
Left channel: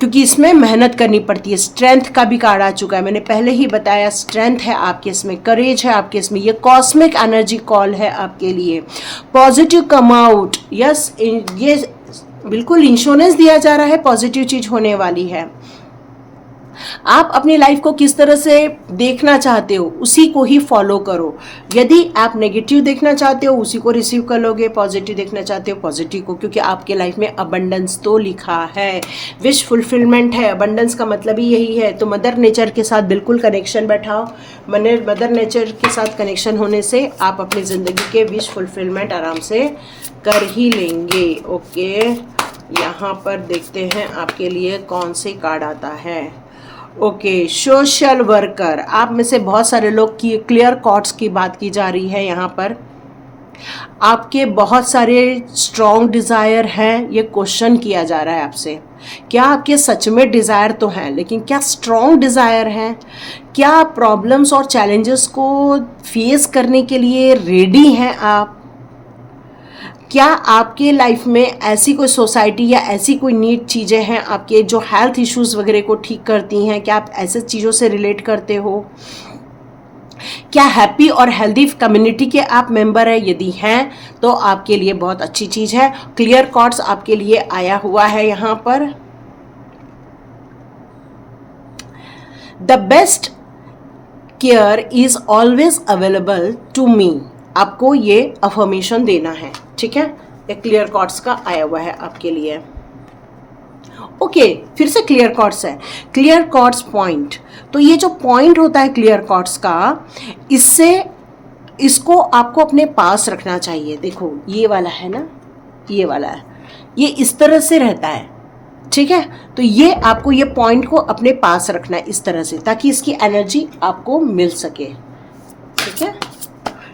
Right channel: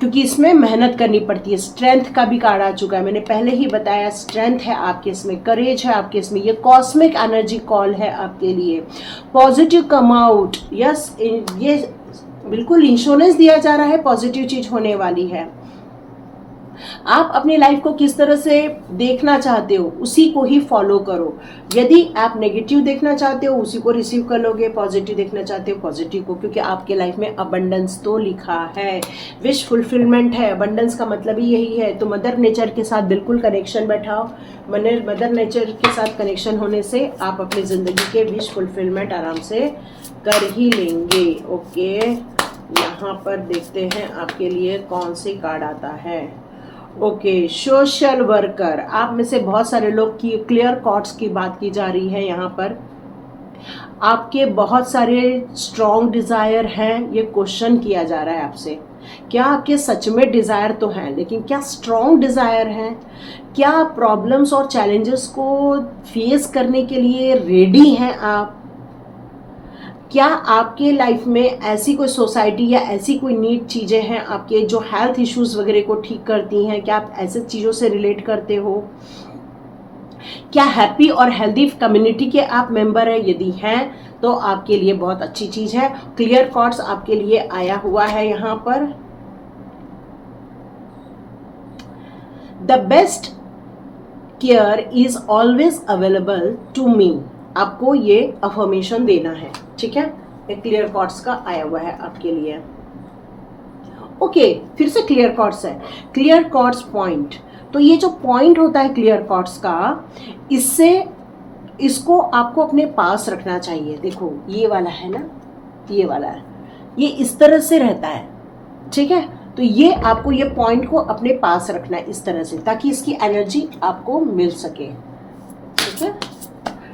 क्योंकि इसमें मेहनत करनी पड़ती है। स्ट्रेंथ का भी कार्ड आ चुका है, मैंने पहले ही बताया स्ट्रेंथ है आपके इसमें, करेज है आपके इसमें, ये कॉस्मिक एनर्जी कॉल है आपके लिए। पॉजिटिव कम आउट, यस ये बिल्कुल इंश्योरेंस दिया जा रहा है, पॉजिटिव चीज होने वाली है। आप अपनी लाइफ को किस तरह से देखना चाहते हो उसी को ही फॉलो करो। यदि आप नेगेटिव देखना चाहते हो उसी को रिसीव कर लोगे, पॉजिटिव देखना चाहते हो पॉजिटिव को, क्योंकि आपके लाइफ में अबंडेंस तो लिखा है, विश फुलफिलमेंट है। अबंडेंस का मतलब ही यही है। तो मदर नेचर के साथ बिल्कुल कनेक्शन बैठाओ। मदर नेचर के साथ कनेक्शन होने से आप अपनी ज़िंदगी के विश फुलफिलमेंट आराम से कर ही लेंगे। ओके, यहाँ पर देखते हैं आपके लिए कौन से कार्ड आता है। ओके, सोशल वर्कर, आप में से बहुत सारे लोग की क्लियर कॉर्ड्स की बात की जा रही है। यहाँ पर आपके बहुत सारे स्ट्रॉन्ग डिज़ायर हैं, ये क्वेश्चन किया जा रहा है आपसे। क्या आपके सच में डिज़ायर तो हैं, लेकिन क्या स्ट्रॉन्ग डिज़ायर हैं? क्या प्रॉब्लम्स और चैलेंजेस को फेस करने के लिए रेडी हैं आप? क्या आपके लाइफ में ऐसी कोई सोसाइटी या ऐसी कोई नीड चीज़ें हैं आपके जो हेल्थ इश्यूज़ वगैरह को ठीक करती हैं? क्या आप ऐसे चीज़ों से रिलेट करते हो? क्या हैप्पी और हेल्दी कम्युनिटी के आप मेंबर हैं? यदि हैं तो आपके लिए बहुत अच्छी चीज़ है। क्लियर कॉर्ड्स आपके लिए आया हुआ है यहाँ पर। The best care is always available to me. आपको ये अफर्मेशन देना है, ठीक है। एक क्लियर कॉर्ड्स का आया हुआ है आपके लिए। ओके, फिर से क्लियर कॉर्ड्स है, क्लियर कॉर्ड्स पॉइंट। तो ये जो पॉइंट होता है क्लियर कॉर्ड्स का, इसको आपको अपने पास रखना चाहिए। देखो ये वाला है ना, ये वाला है, ये इस तरह से रहता है, ठीक है। तो ये आपको ये पॉइंट को अपने पास रखना है इस तरह से, ताकि इसकी एनर्जी आपको मिल सके, ठीक है।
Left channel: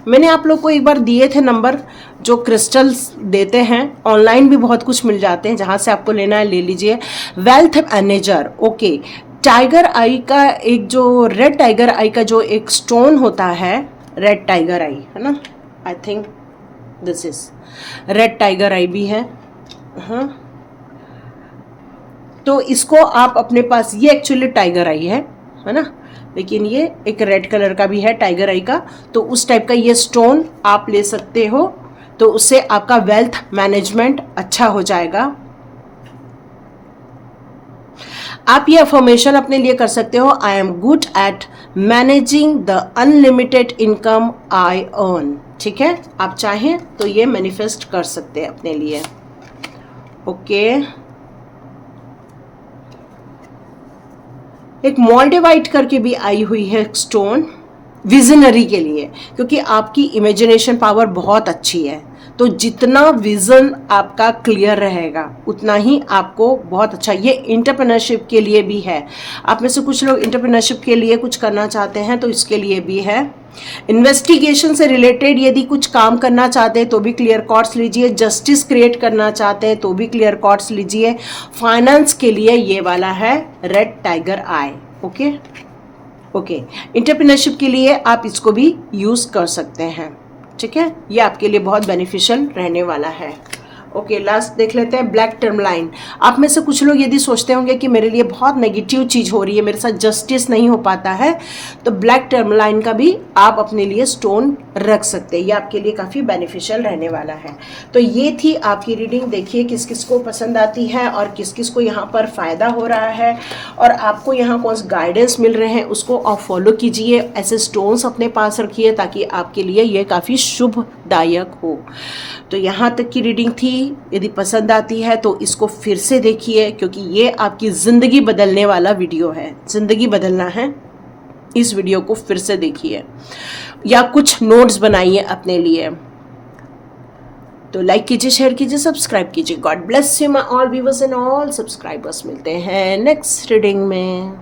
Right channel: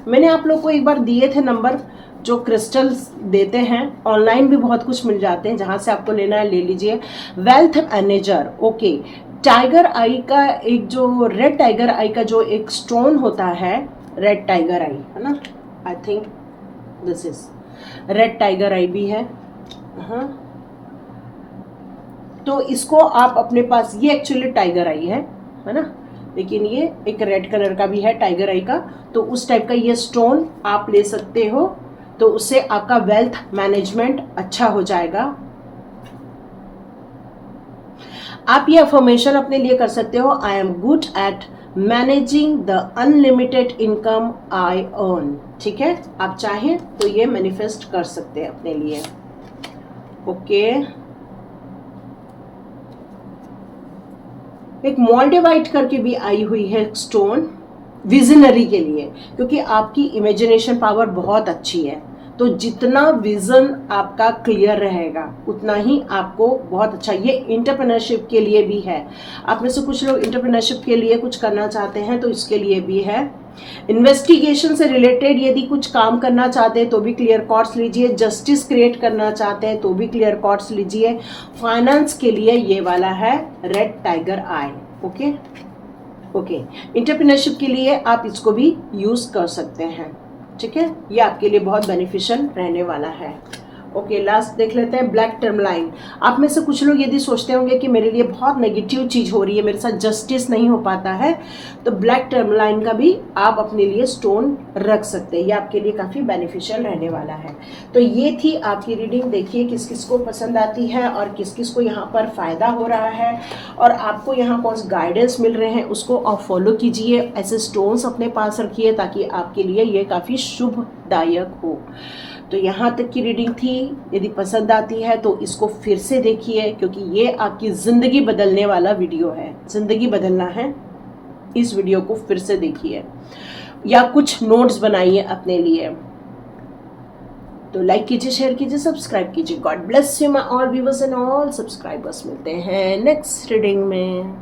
मैंने आप लोग को एक बार दिए थे नंबर, जो क्रिस्टल्स देते हैं, ऑनलाइन भी बहुत कुछ मिल जाते हैं, जहाँ से आपको लेना है ले लीजिए। Wealth manager, okay. टाइगर आई का एक जो रेड टाइगर आई का जो एक स्टोन होता है, रेड टाइगर आई है ना, I think this is red tiger eye भी है, हाँ। तो इसको आप अपने पास, ये एक्चुअली टाइगर आई है ना, लेकिन ये एक रेड कलर का भी है टाइगर आई का, तो उस टाइप का ये स्टोन आप ले सकते हो, तो उससे आपका वेल्थ मैनेजमेंट अच्छा हो जाएगा। आप ये अफर्मेशन अपने लिए कर सकते हो, I am good at managing the unlimited income I earn, ठीक है। आप चाहें तो ये मैनिफेस्ट कर सकते हैं अपने लिए, ओके। एक मोल्डिवाइट करके भी आई हुई है स्टोन, विजनरी के लिए, क्योंकि आपकी इमेजिनेशन पावर बहुत अच्छी है, तो जितना विजन आपका क्लियर रहेगा उतना ही आपको बहुत अच्छा। ये इंटरप्रेन्योरशिप के लिए भी है, आप में से कुछ लोग इंटरप्रेन्योरशिप के लिए कुछ करना चाहते हैं तो इसके लिए भी है। इन्वेस्टिगेशन से रिलेटेड यदि कुछ काम करना चाहते हैं तो भी क्लियर कॉर्ड्स लीजिए, जस्टिस क्रिएट करना चाहते हैं तो भी क्लियर कॉर्ड्स लीजिए। फाइनेंस के लिए ये वाला है रेड टाइगर आई, ओके ओके। इंटरप्रेन्योरशिप के लिए आप इसको भी यूज कर सकते हैं, ठीक है। ये आपके लिए बहुत बेनिफिशियल रहने वाला है, ओके। लास्ट देख लेते हैं ब्लैक टर्म लाइन। आप में से कुछ लोग यदि सोचते होंगे कि मेरे लिए बहुत नेगेटिव चीज़ हो रही है, मेरे साथ जस्टिस नहीं हो पाता है, तो ब्लैक टर्म लाइन का भी आप अपने लिए स्टोन रख सकते हैं, ये आपके लिए काफ़ी बेनिफिशियल रहने वाला है। तो ये थी आपकी रीडिंग। देखिए किस किस को पसंद आती है और किस किस को यहाँ पर फ़ायदा हो रहा है, और आपको यहाँ कौन से गाइडेंस मिल रहे हैं उसको आप फॉलो कीजिए। ऐसे स्टोन्स अपने पास रखिए ताकि आपके लिए ये काफ़ी शुभदायक हो। तो यहाँ तक की रीडिंग थी। यदि पसंद आती है तो इसको फिर से देखिए, क्योंकि ये आपकी ज़िंदगी बदलने वाला वीडियो है। ज़िंदगी बदलना है, इस वीडियो को फिर से देखिए या कुछ नोट्स बनाइए अपने लिए। तो लाइक कीजिए, शेयर कीजिए, सब्सक्राइब कीजिए। God bless you my all viewers and all subscribers. मिलते हैं नेक्स्ट रीडिंग में।